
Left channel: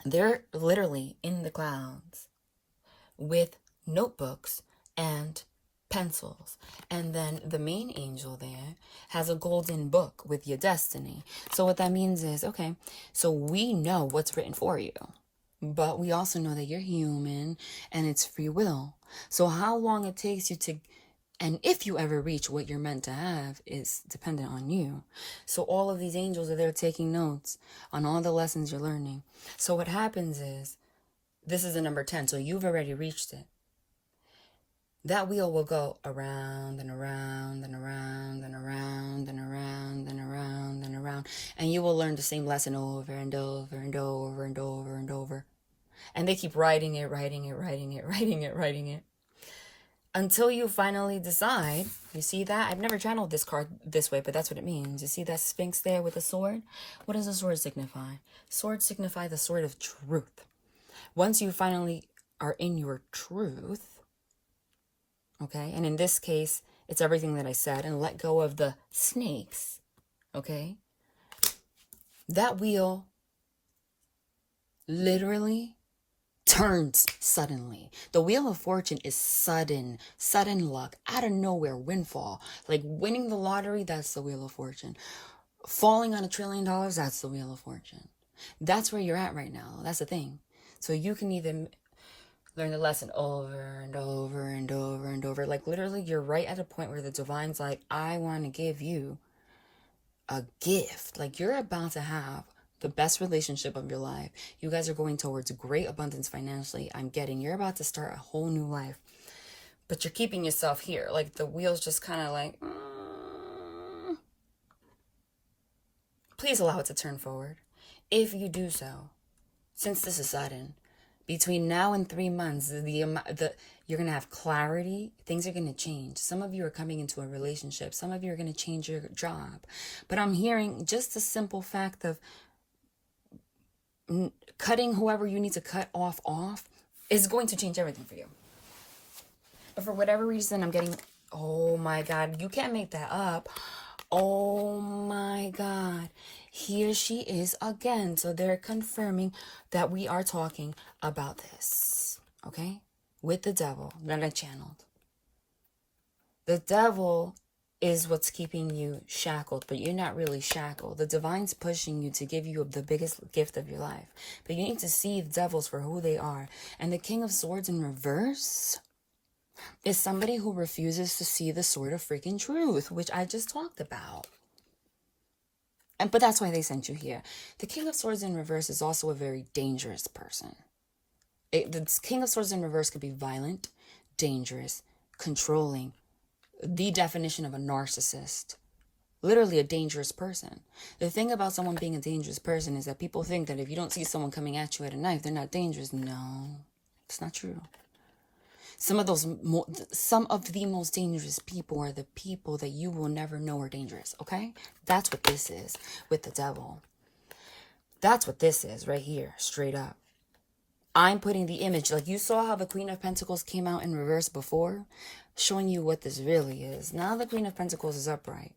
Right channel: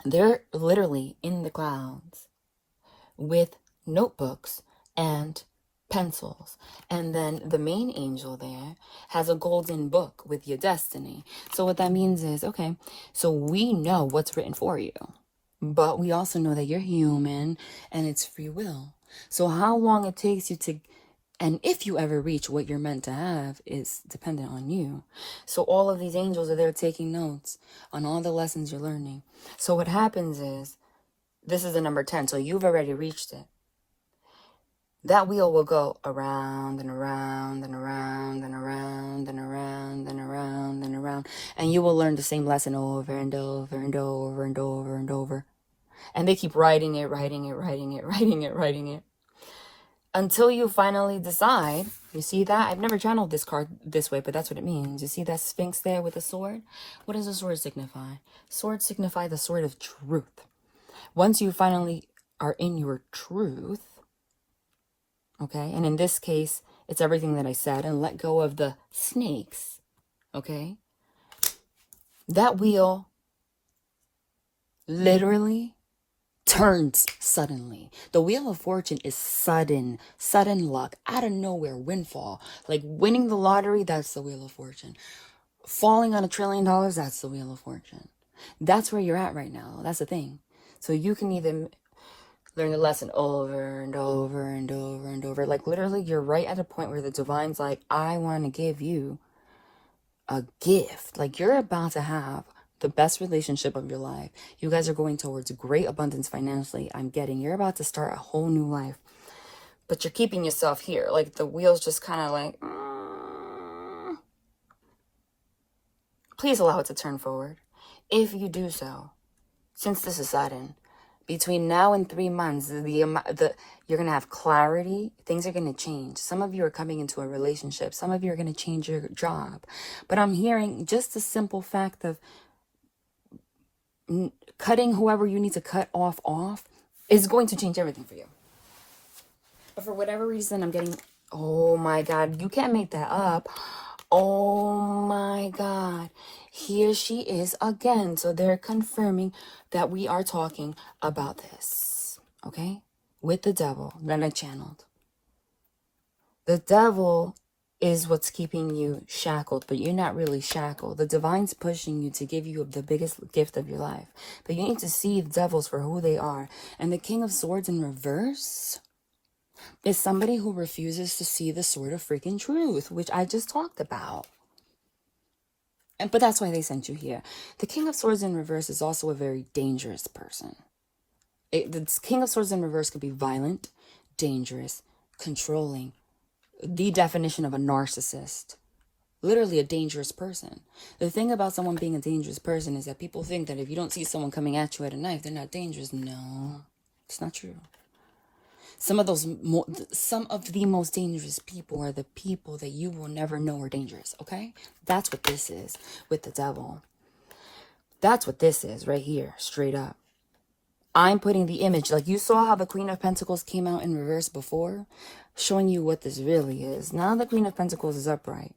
They're literally in the clouds with notebooks and pencils. And then the main angel there has a golden book with your destiny. So what that means is, okay, so we know what's written for you. But we also know that you're human and it's free will. So how long it takes you to, and if you ever reach what you're meant to have, is dependent on you. So all of these angels are there taking notes on all the lessons you're learning. So what happens is, this is the number 10, so you've already reached it. That wheel will go around and around and around and around and around and around and around. And you will learn the same lesson over and over and over and over and over. And they keep writing it until you finally decide. You see that? I've never channeled this card this way, but that's what it means. You see that Sphinx there with a sword? What does a sword signify? Swords signify the sword of truth. Once you finally are in your truth, okay, and in this case, it's everything that I said, and let go of the snakes, okay, that wheel literally turns suddenly. The Wheel of Fortune is sudden luck, out of nowhere, windfall. Like winning the lottery, that's the Wheel of Fortune. Falling on $1 trillion, that's the Wheel of Fortune. That's where you're at right now. That's the thing. So you can either learn the lesson over and over and over and over. Like literally, you're right at a point where the divine's like, I want to give you a gift. Like you're about to have the best relationship of your life. You guys are going towards great abundance financially. You're about to start a whole new life. But you're keeping yourself here. Like the wheel's just kind of like, Please allow it to turn forward. If you do so, since this is sudden, between now and 3 months, you're going to have clarity. Things are going to change. Some of you are coming into a relationship. Some of you are going to change your job. But I'm hearing just the simple fact of cutting whoever you need to cut off is going to change everything for you. But for whatever reason, I'm getting, oh my God, you can't make that up. Oh my God, here she is again. So they're confirming that we are talking about this, okay? With the devil that I channeled. The devil is what's keeping you shackled, but you're not really shackled. The divine's pushing you to give you the biggest gift of your life. But you need to see the devils for who they are. And the King of Swords in reverse is somebody who refuses to see the sword of freaking truth, which I just talked about. But that's why they sent you here. The King of Swords in reverse is also a very dangerous person. The King of Swords in reverse could be violent, dangerous, controlling, the definition of a narcissist. Literally a dangerous person. The thing about someone being a dangerous person is that people think that if you don't see someone coming at you at a knife, they're not dangerous. No, it's not true. Some of the most dangerous people are the people that you will never know are dangerous, okay? That's what this is with the devil. That's what this is right here, straight up. I'm putting the image, like you saw how the Queen of Pentacles came out in reverse before, showing you what this really is. Now the Queen of Pentacles is upright,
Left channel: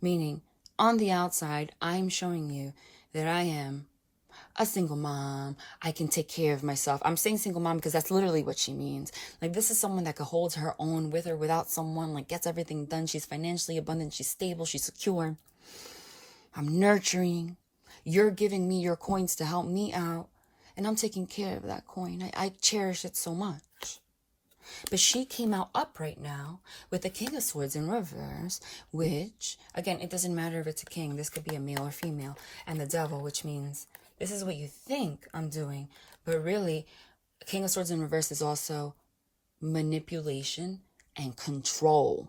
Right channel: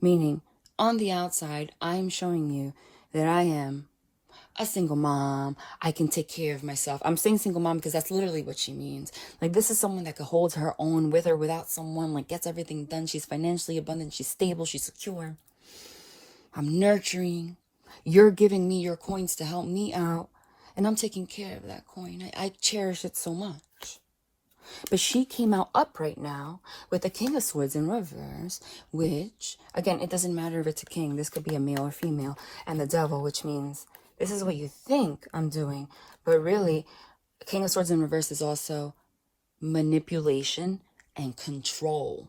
meaning on the outside, I'm showing you that I am a single mom. I can take care of myself. I'm saying single mom because that's literally what she means. Like, this is someone that could hold her own with or without someone, like gets everything done. She's financially abundant. She's stable. She's secure. I'm nurturing. You're giving me your coins to help me out. And I'm taking care of that coin. I cherish it so much. But she came out upright now with the King of Swords in reverse, which, again, it doesn't matter if it's a king. This could be a male or female. And the devil, which means this is what you think I'm doing. But really, King of Swords in reverse is also manipulation and control.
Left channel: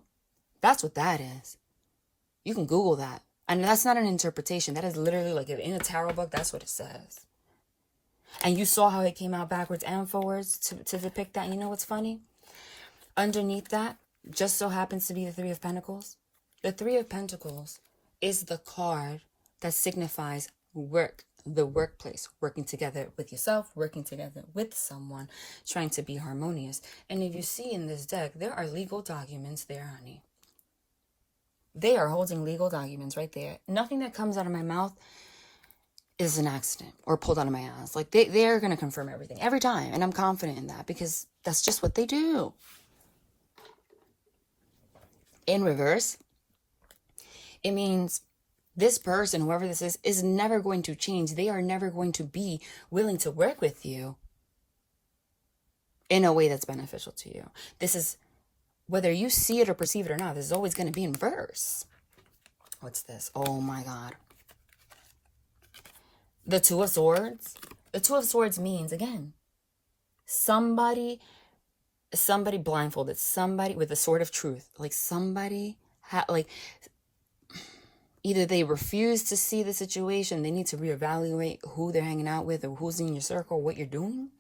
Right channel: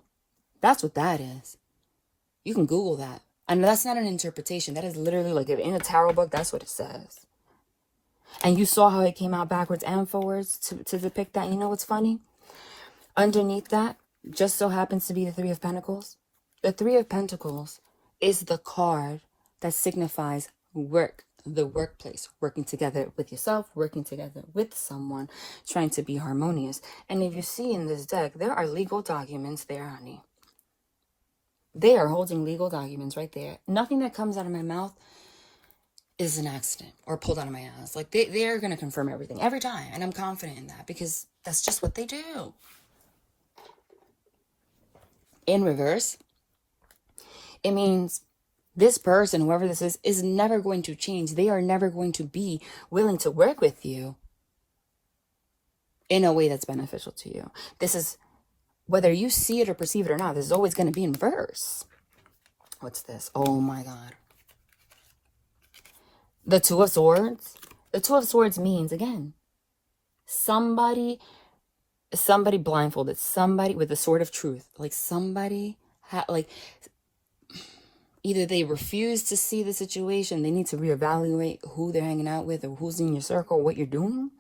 That's what that is. You can Google that. And that's not an interpretation. That is literally like in a tarot book, that's what it says. And you saw how it came out backwards and forwards to depict that. You know what's funny? Underneath that, just so happens to be the Three of Pentacles. The Three of Pentacles is the card that signifies work, the workplace, working together with yourself, working together with someone, trying to be harmonious. And if you see in this deck, there are legal documents there, honey. They are holding legal documents right there. Nothing that comes out of my mouth is an accident or pulled out of my ass. Like, they're going to confirm everything every time. And I'm confident in that because that's just what they do. In reverse, it means this person, whoever this is never going to change. They are never going to be willing to work with you in a way that's beneficial to you. This is, whether you see it or perceive it or not, this is always going to be in reverse. What's this? Oh my God. The Two of Swords. The Two of Swords means, again, somebody blindfolded, somebody with the sword of truth. Like somebody either they refuse to see the situation, they need to reevaluate who they're hanging out with or who's in your circle, what you're doing.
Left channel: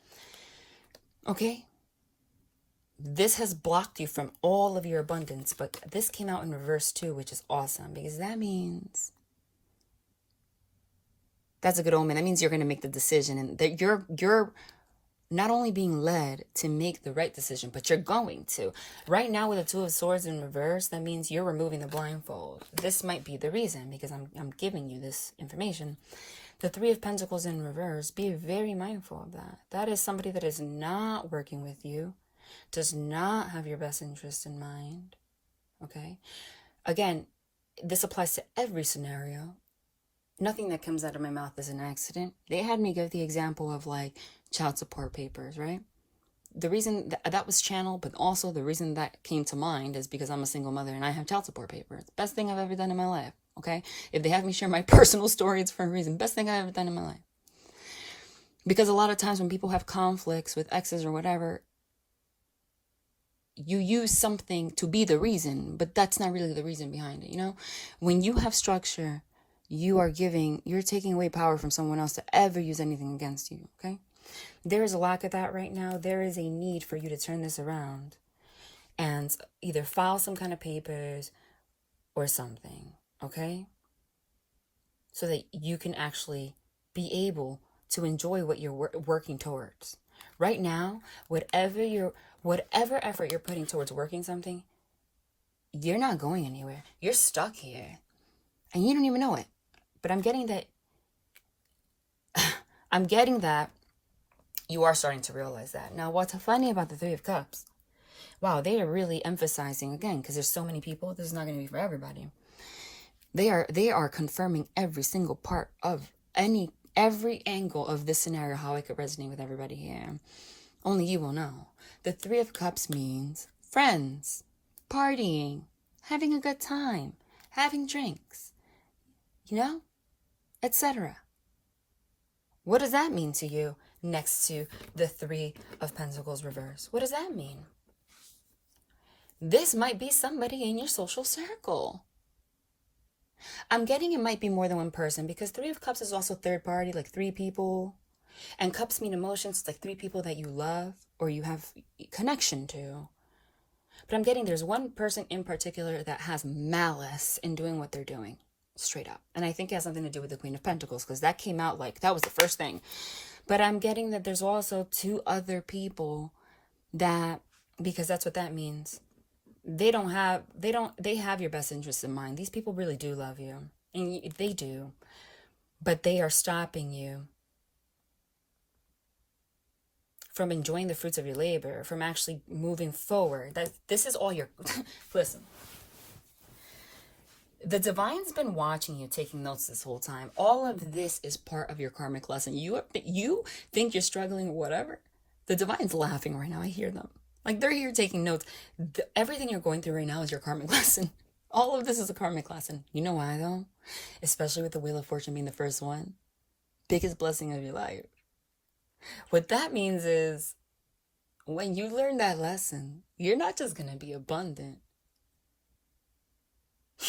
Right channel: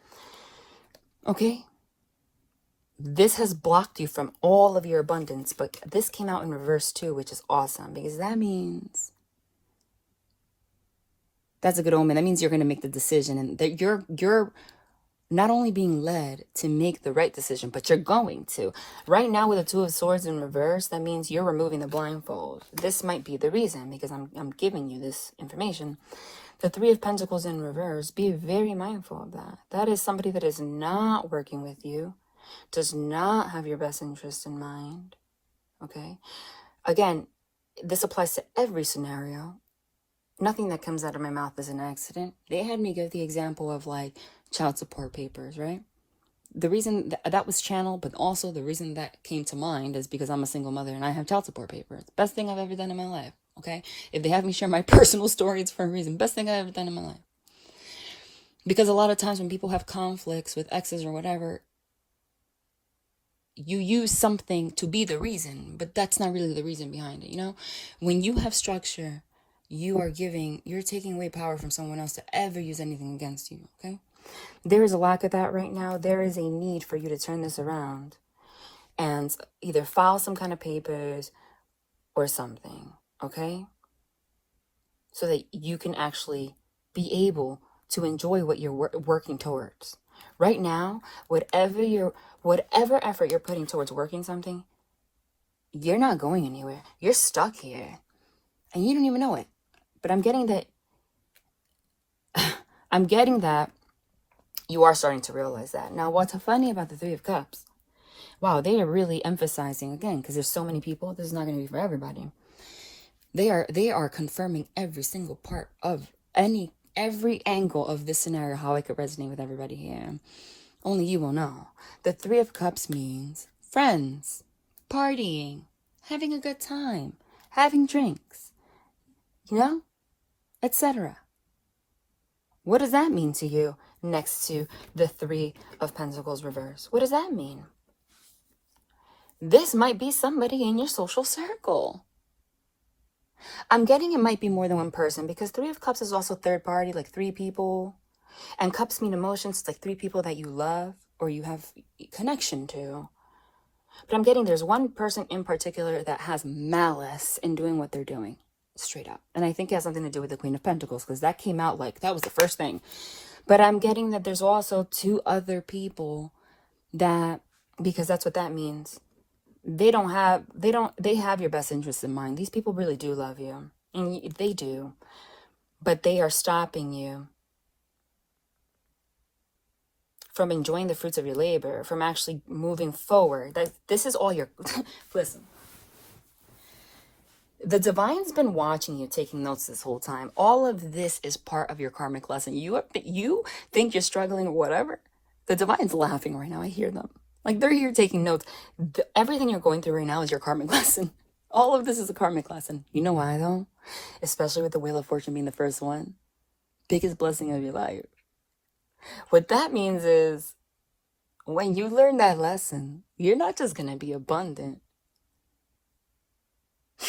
Okay? This has blocked you from all of your abundance, but this came out in reverse too, which is awesome because that means that's a good omen. That means you're going to make the decision and that you're not only being led to make the right decision, but you're going to. Right now with the Two of Swords in reverse, that means you're removing the blindfold. This might be the reason because I'm giving you this information. The Three of Pentacles in reverse, be very mindful of that. That is somebody that is not working with you, does not have your best interest in mind. Okay? Again, this applies to every scenario. Nothing that comes out of my mouth is an accident. They had me give the example of like child support papers, right? The reason that was channeled, but also the reason that came to mind is because I'm a single mother and I have child support papers. Best thing I've ever done in my life, okay? If they have me share my personal story, it's for a reason. Best thing I've ever done in my life. Because a lot of times when people have conflicts with exes or whatever, you use something to be the reason, but that's not really the reason behind it, you know? When you have structure, you're taking away power from someone else to ever use anything against you, okay? There is a lack of that right now. There is a need for you to turn this around and either file some kind of papers or something, okay? So that you can actually be able to enjoy what you're working towards. Right now, whatever effort you're putting towards working something, you're not going anywhere. You're stuck here. And you don't even know it. But I'm getting that you are starting to realize that. Now, what's funny about the Three of Cups? Wow, they are really emphasizing, again, because there's so many people, this is not going to be for everybody. They are confirming every single part of every angle of this scenario, how it could resonate with everybody here. Only you will know. The Three of Cups means friends, partying, having a good time, having drinks. You know? etc. What does that mean to you next to the Three of Pentacles reverse? What does that mean? This might be somebody in your social circle. I'm getting it might be more than one person, because Three of Cups is also third party, like three people. And cups mean emotions, like three people that you love or you have connection to. But I'm getting there's one person in particular that has malice in doing what they're doing. Straight up. And I think it has something to do with the Queen of Pentacles, because that came out like that was the first thing. But I'm getting that there's also two other people that, because that's what that means, they have your best interests in mind. These people really do love you, and they do, but they are stopping you from enjoying the fruits of your labor, from actually moving forward. That this is all your listen. The divine's been watching you, taking notes this whole time. All of this is part of your karmic lesson. You think you're struggling or whatever. The divine's laughing right now. I hear them. Like, they're here taking notes. Everything you're going through right now is your karmic lesson. All of this is a karmic lesson. You know why, though? Especially with the Wheel of Fortune being the first one. Biggest blessing of your life. What that means is, when you learn that lesson, you're not just going to be abundant.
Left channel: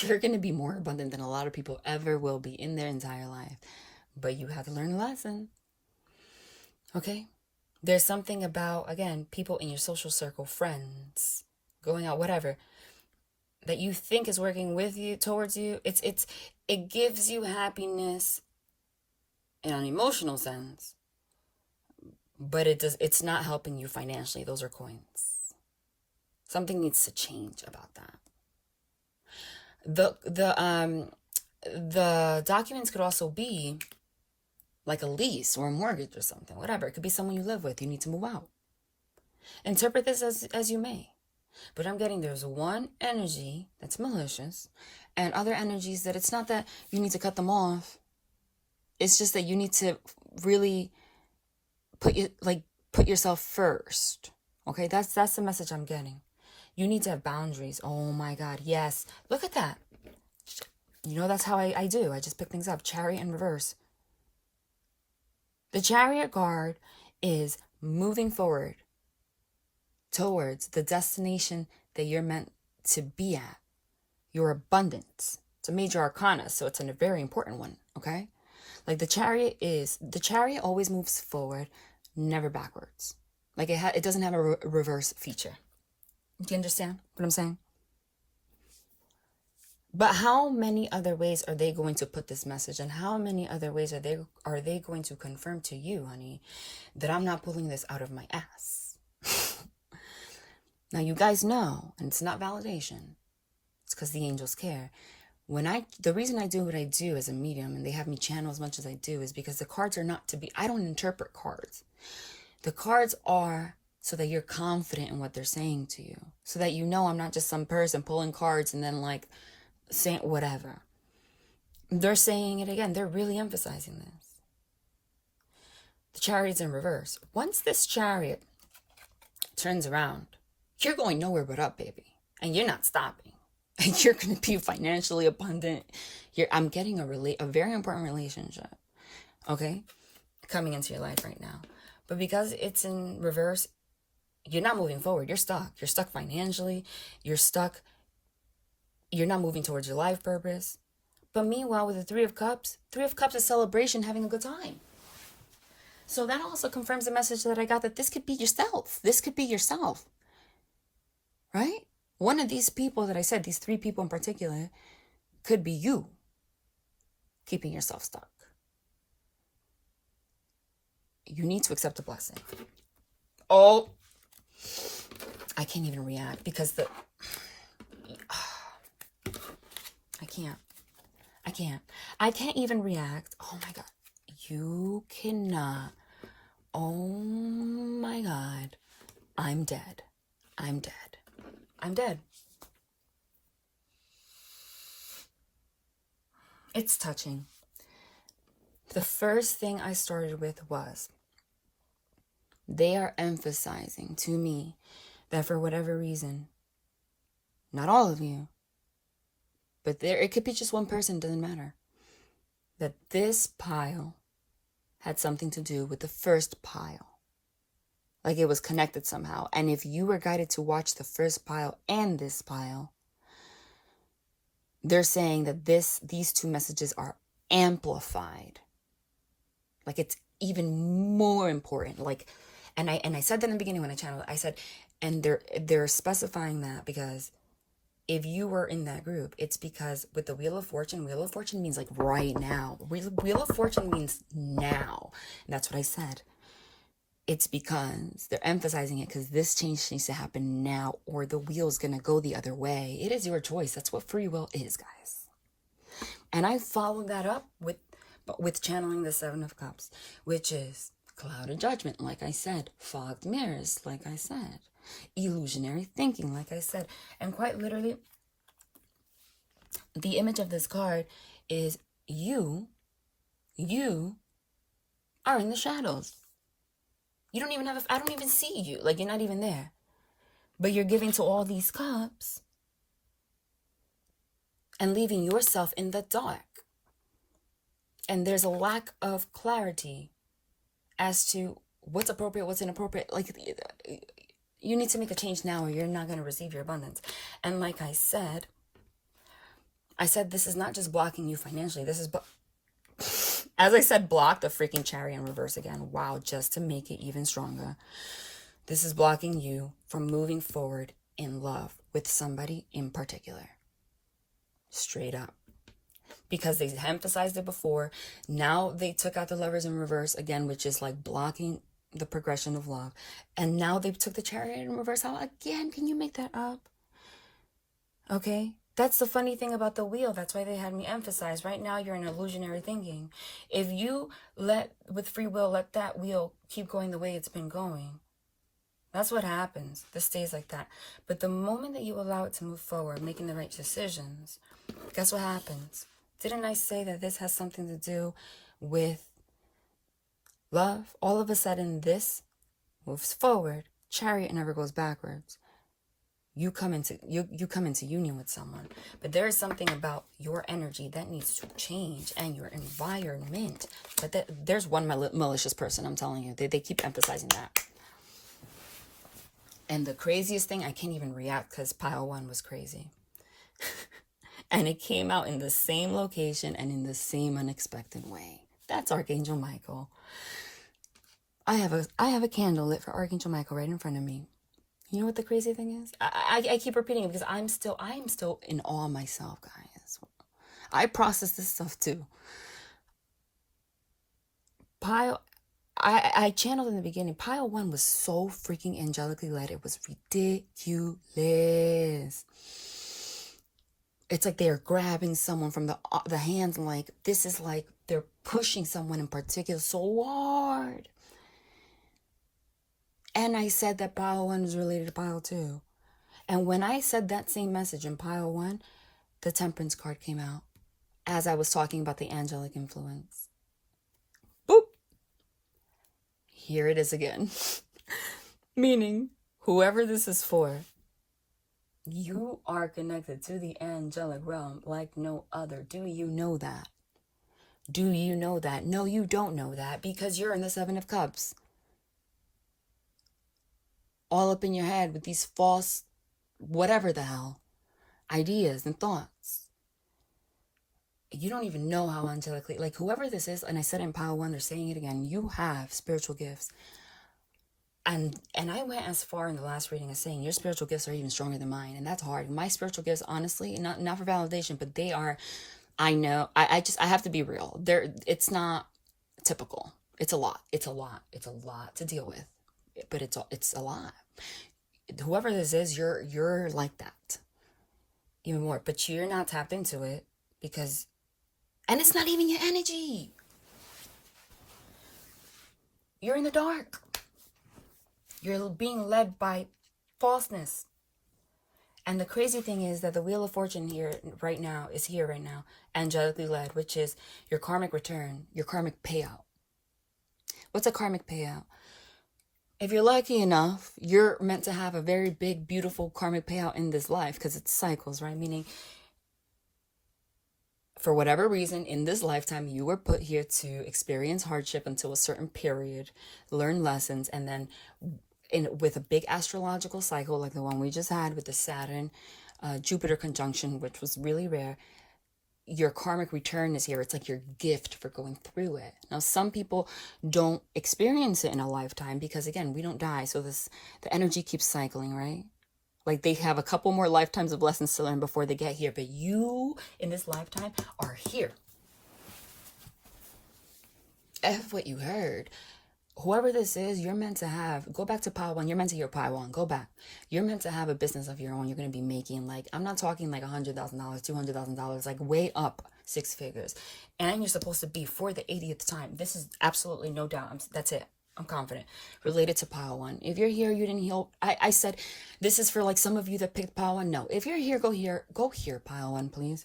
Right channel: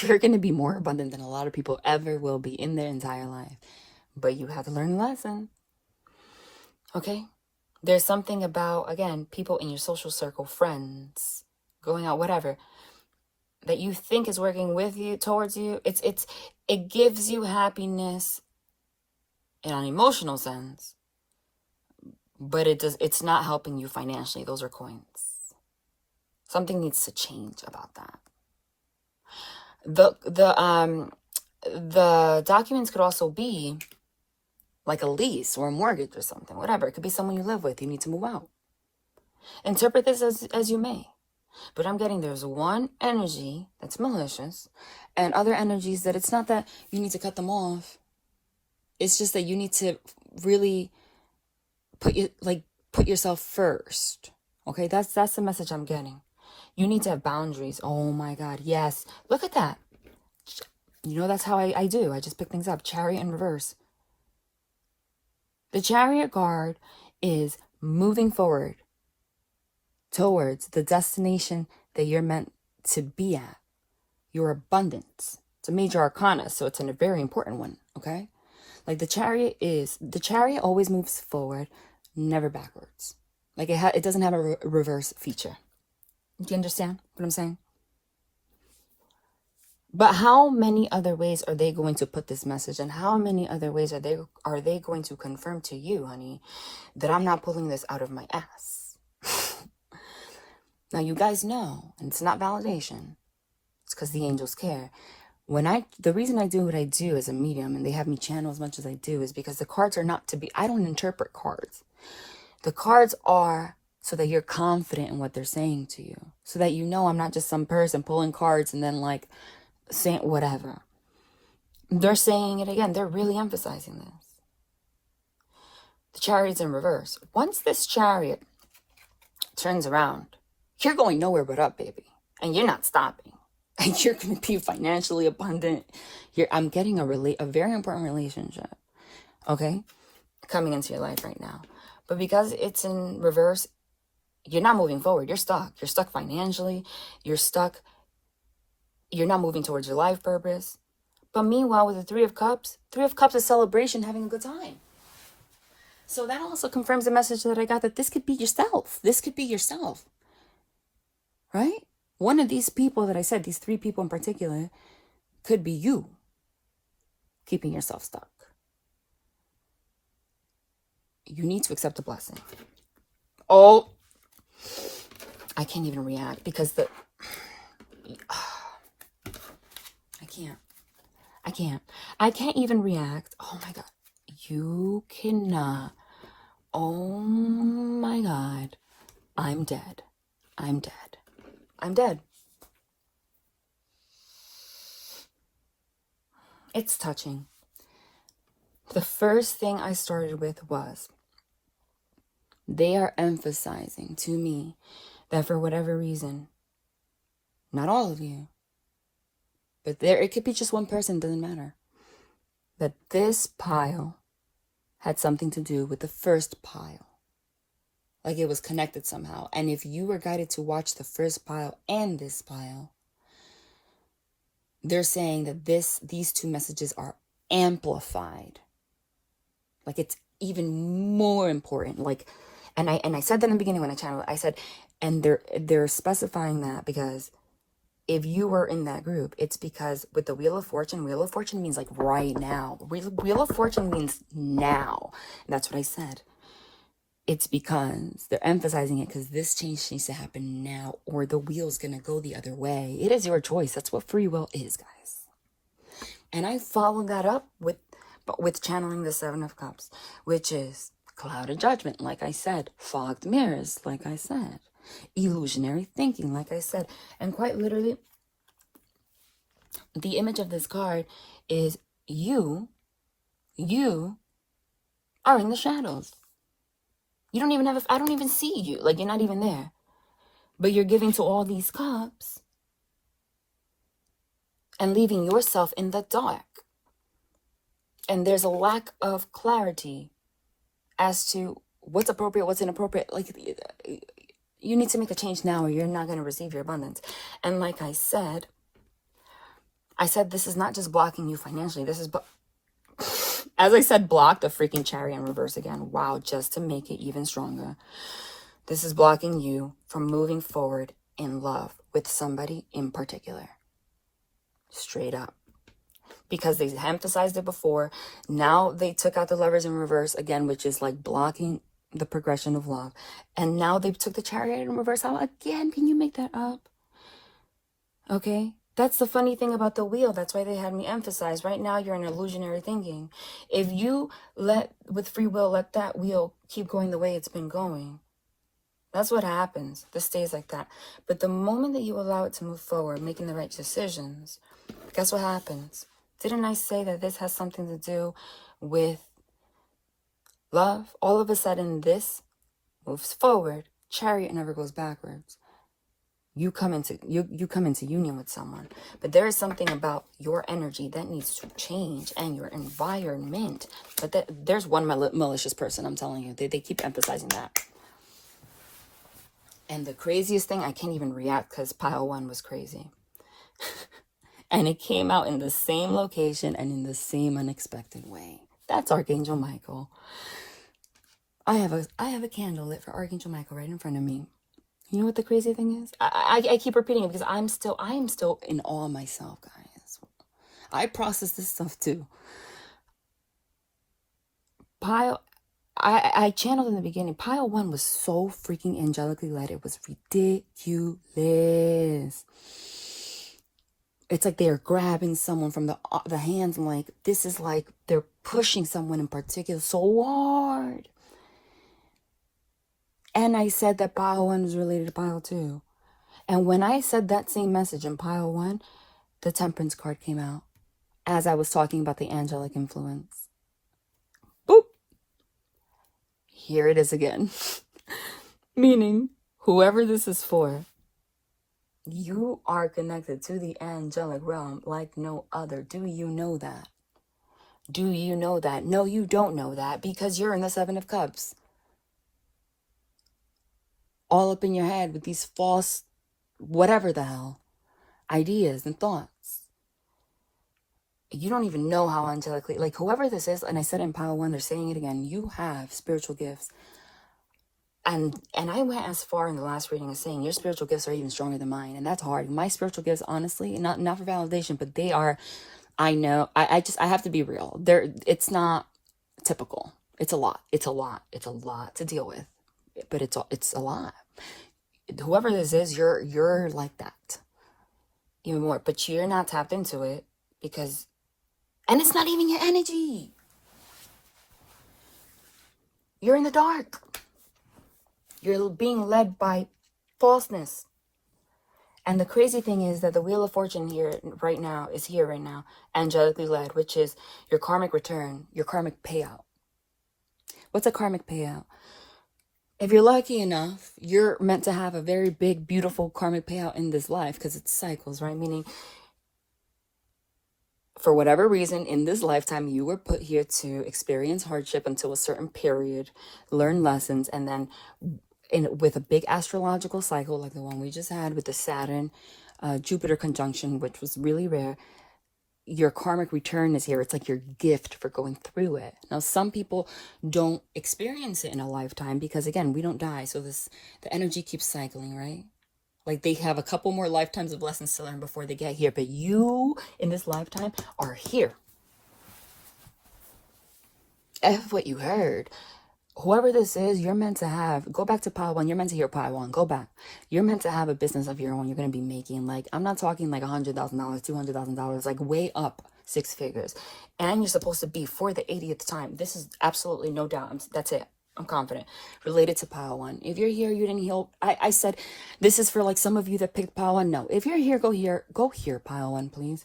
You're going to be more abundant than a lot of people ever will be in their entire life. But you have to learn a lesson. Okay? There's something about, again, people in your social circle, friends, going out, whatever, that you think is working with you, towards you. It gives you happiness in an emotional sense, but it's not helping you financially. Those are coins. Something needs to change about that. The documents could also be like a lease or a mortgage or something, whatever. It could be someone you live with. You need to move out. Interpret this as you may. But I'm getting there's one energy that's malicious and other energies that it's not that you need to cut them off. It's just that you need to really put yourself first. Okay, that's the message I'm getting. You need to have boundaries. Oh my God, yes. Look at that. You know, that's how I do. I just pick things up. Chariot in reverse. The Chariot card is moving forward towards the destination that you're meant to be at. Your abundance. It's a major arcana, so it's a very important one, okay? Like the Chariot always moves forward, never backwards. Like it doesn't have a reverse feature. Do you understand what I'm saying? But how many other ways are they going to put this message? And how many other ways are they going to confirm to you, honey, that I'm not pulling this out of my ass? Now, you guys know, and it's not validation. It's because the angels care. The reason I do what I do as a medium, and they have me channel as much as I do, is because the cards are not I don't interpret cards. The cards are so that you're confident in what they're saying to you. So that you know I'm not just some person pulling cards and then like saying whatever. They're saying it again. They're really emphasizing this. The Chariot's in reverse. Once this Chariot turns around, you're going nowhere but up, baby. And you're not stopping. And you're going to be financially abundant. I'm getting a very important relationship. Okay? Coming into your life right now. But because it's in reverse, you're not moving forward. You're stuck. You're stuck financially. You're stuck. You're not moving towards your life purpose. But meanwhile, with the Three of Cups is celebration, having a good time. So that also confirms the message that I got, that this could be yourself. This could be yourself. Right? One of these people that I said, these three people in particular, could be you keeping yourself stuck. You need to accept a blessing. Oh, I can't even react because I can't even react. Oh my God. You cannot. Oh my God. I'm dead. It's touching. The first thing I started with was, they are emphasizing to me that for whatever reason, not all of you, but it could be just one person, doesn't matter. that this pile had something to do with the first pile. Like it was connected somehow. And if you were guided to watch the first pile and this pile, they're saying that these two messages are amplified. Like it's even more important. Like, and I said that in the beginning when I channeled it. I said, and they're specifying that because if you were in that group, it's because with the Wheel of Fortune means like right now. Wheel of Fortune means now. And that's what I said. It's because they're emphasizing it because this change needs to happen now or the wheel's going to go the other way. It is your choice. That's what free will is, guys. And I followed that up with channeling the Seven of Cups, which is clouded judgment, like I said, fogged mirrors, like I said, illusionary thinking, like I said. And quite literally, the image of this card is you are in the shadows. You don't even I don't even see you. Like, you're not even there. But you're giving to all these cups and leaving yourself in the dark. And there's a lack of clarity as to what's appropriate, what's inappropriate. Like, you need to make a change now or you're not going to receive your abundance. And like I said this is not just blocking you financially. This is... As I said, block the freaking Chariot in reverse again. Wow, just to make it even stronger. This is blocking you from moving forward in love with somebody in particular. Straight up. Because they emphasized it before. Now they took out the Lovers in reverse again, which is like blocking the progression of love. And now they took the Chariot in reverse out again. Can you make that up? Okay? That's the funny thing about the wheel. That's why they had me emphasize. Right now, you're in illusionary thinking. If you with free will, let that wheel keep going the way it's been going, that's what happens. This stays like that. But the moment that you allow it to move forward, making the right decisions, guess what happens? Didn't I say that this has something to do with love? All of a sudden, this moves forward. Chariot never goes backwards. You come into union with someone, but there is something about your energy that needs to change and your environment. But there's one malicious person, I'm telling you. They keep emphasizing that. And the craziest thing, I can't even react because pile one was crazy. And it came out in the same location and in the same unexpected way. That's Archangel Michael. I have a candle lit for Archangel Michael right in front of me. You know what the crazy thing is? I keep repeating it because I am still in awe of myself, guys. I process this stuff too. I channeled in the beginning. Pile one was so freaking angelically led. It was ridiculous. It's like they're grabbing someone from the hands and like, this is like they're pushing someone in particular so hard. And I said that pile one is related to pile two. And when I said that same message in pile one, the Temperance card came out as I was talking about the angelic influence. Boop. Here it is again. Meaning, whoever this is for, you are connected to the angelic realm like no other. Do you know that? Do you know that? No, you don't know that because you're in the Seven of Cups. All up in your head with these false, whatever the hell, ideas and thoughts. You don't even know how angelically, like whoever this is, and I said in pile one, they're saying it again, you have spiritual gifts. And I went as far in the last reading as saying your spiritual gifts are even stronger than mine. And that's hard. My spiritual gifts, honestly, not for validation, but they are, I know, I have to be real. It's not typical. It's a lot. It's a lot to deal with. But it's a lot. Whoever this is, you're like that. Even more. But you're not tapped into it because, and it's not even your energy. You're in the dark. You're being led by falseness. And the crazy thing is that the Wheel of Fortune here right now, angelically led, which is your karmic return, your karmic payout. What's a karmic payout? If you're lucky enough, you're meant to have a very big, beautiful karmic payout in this life because it's cycles, right? Meaning For whatever reason, in this lifetime, you were put here to experience hardship until a certain period, learn lessons, and then with a big astrological cycle like the one we just had with the Saturn, Jupiter conjunction, which was really rare, your karmic return is here. It's like your gift for going through it. Now, some people don't experience it in a lifetime because, again, we don't die. So the energy keeps cycling, right? Like they have a couple more lifetimes of lessons to learn before they get here. But you, in this lifetime, are here. F what you heard. Whoever this is, you're meant to have, go back to Pile 1. You're meant to hear Pile 1. Go back. You're meant to have a business of your own. You're going to be making, like, I'm not talking like $100,000, $200,000, like way up 6 figures. And you're supposed to be for the 80th time. This is absolutely no doubt. That's it. I'm confident. Related to Pile 1. If you're here, you didn't heal. I said, this is for like some of you that picked Pile 1. No. If you're here, go here. Go here, Pile 1, please.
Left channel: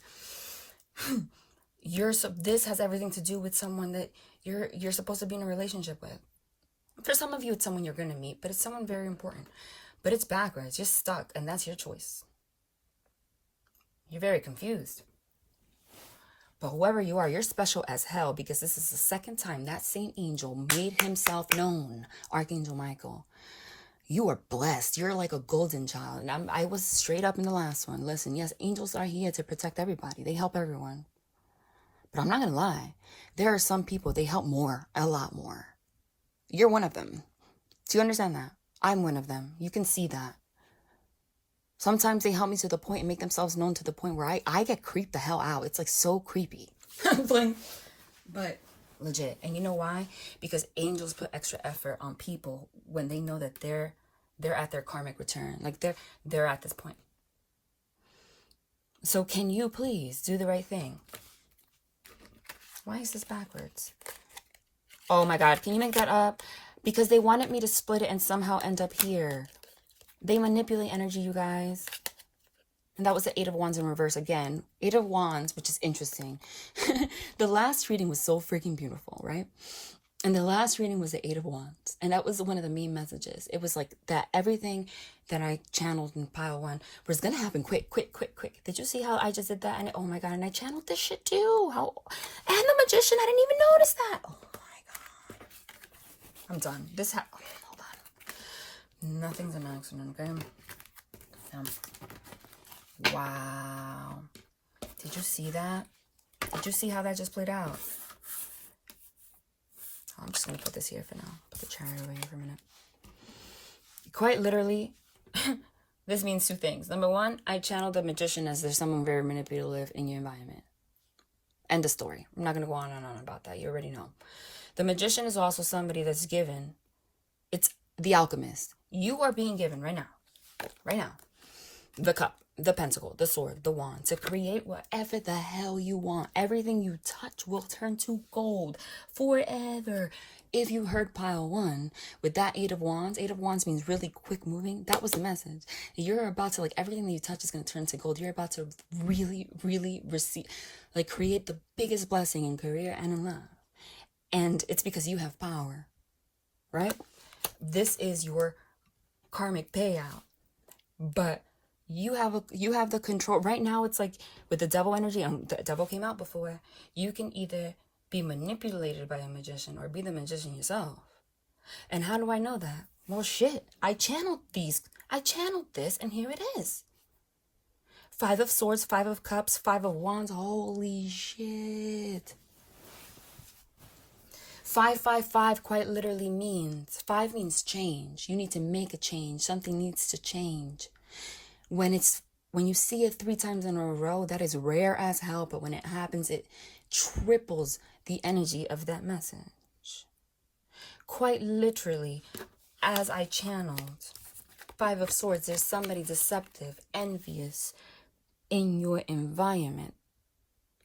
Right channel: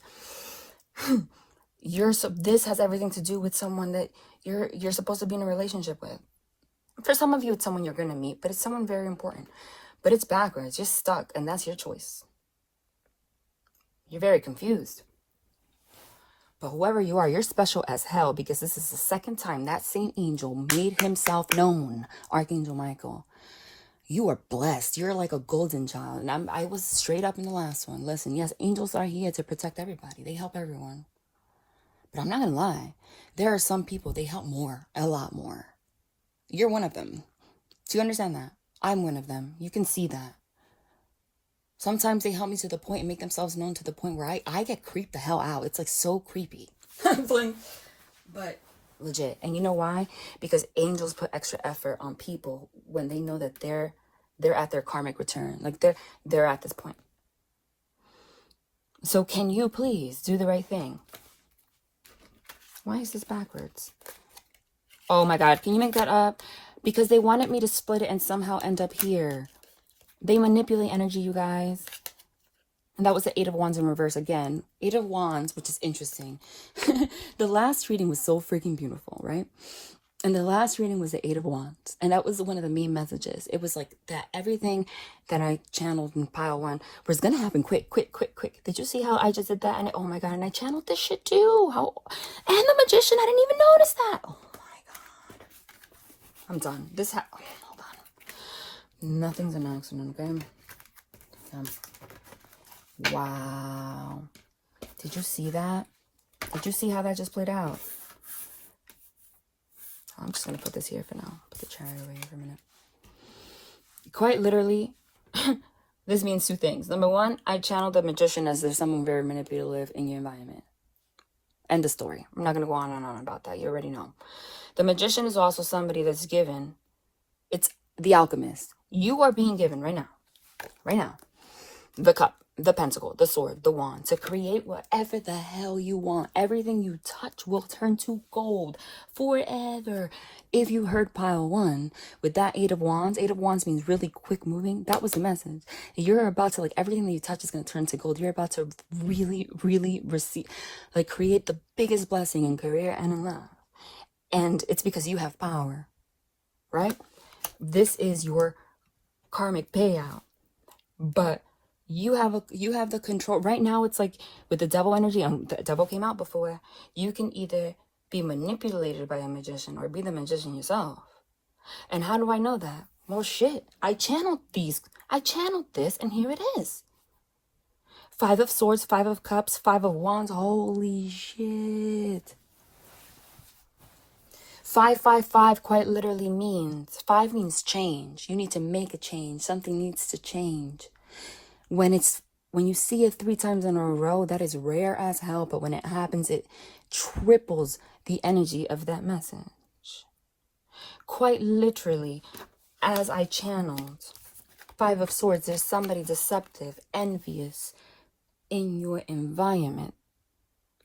This has everything to do with someone that you're supposed to be in a relationship with. For some of you, it's someone you're going to meet, but it's someone very important. But it's backwards. You're stuck, and that's your choice. You're very confused. But whoever you are, you're special as hell, because this is the second time that same angel made himself known, Archangel Michael. You are blessed. You're like a golden child. And I was straight up in the last one. Listen, yes, angels are here to protect everybody. They help everyone. But I'm not going to lie. There are some people, they help more, a lot more. You're one of them. Do you understand that? I'm one of them. You can see that. Sometimes they help me to the point and make themselves known to the point where I get creeped the hell out. It's like so creepy. But legit. And you know why? Because angels put extra effort on people when they know that they're at their karmic return. Like they're at this point. So can you please do the right thing? Why is this backwards? Oh my God, can you make that up? Because they wanted me to split it and somehow end up here. They manipulate energy, you guys. And that was the 8 of Wands in reverse again. 8 of Wands, which is interesting. The last reading was so freaking beautiful, right? And the last reading was the 8 of Wands. And that was one of the main messages. It was like that everything that I channeled in Pile 1 was going to happen quick. Did you see how I just did that? And oh my God, and I channeled this shit too. And the Magician, I didn't even notice that. Oh my God. I'm done. Hold on. Nothing's an accident, okay? Wow. Did you see that? Did you see how that just played out? I'm just going to put this here for now. Put the chariot away for a minute. Quite literally, this means 2 things. Number 1, I channeled the Magician as there's someone very manipulative in your environment. End of story. I'm not going to go on and on about that. You already know. The Magician is also somebody that's given. It's the alchemist. You are being given right now, the cup, the pentacle, the sword, the wand, to create whatever the hell you want. Everything you touch will turn to gold forever. If you heard Pile 1 with that 8 of Wands means really quick moving. That was the message. You're about to, like, everything that you touch is going to turn to gold. You're about to really, really receive, like, create the biggest blessing in career and in love. And it's because you have power, right? This is your karmic payout. But you have the control. Right now, it's like with the devil energy, and the devil came out before, you can either be manipulated by a magician or be the magician yourself. And how do I know that? Well, shit, I channeled this, and here it is. 5 of Swords, 5 of Cups, 5 of Wands. Holy shit. 555 quite literally means, 5 means change. You need to make a change. Something needs to change. When you see it 3 times in a row, that is rare as hell. But when it happens, it triples the energy of that message. Quite literally, as I channeled 5 of Swords, there's somebody deceptive, envious in your environment.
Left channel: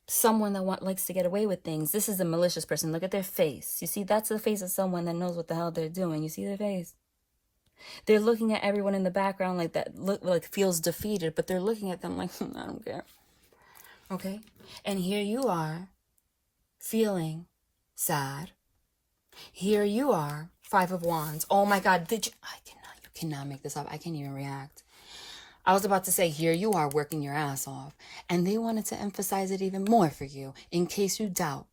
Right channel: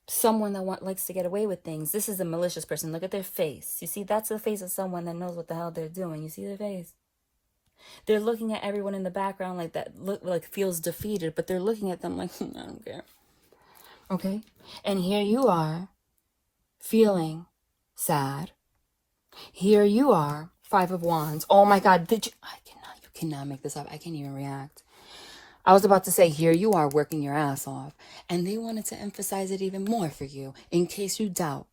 Someone that likes to get away with things. This is a malicious person. Look at their face. You see, that's the face of someone that knows what the hell they're doing. You see their face? They're looking at everyone in the background like that, feels defeated, but they're looking at them like, I don't care. Okay? And here you are, feeling sad. Here you are, 5 of Wands. Oh my God, you cannot make this up. I can't even react. I was about to say, here you are working your ass off. And they wanted to emphasize it even more for you in case you doubt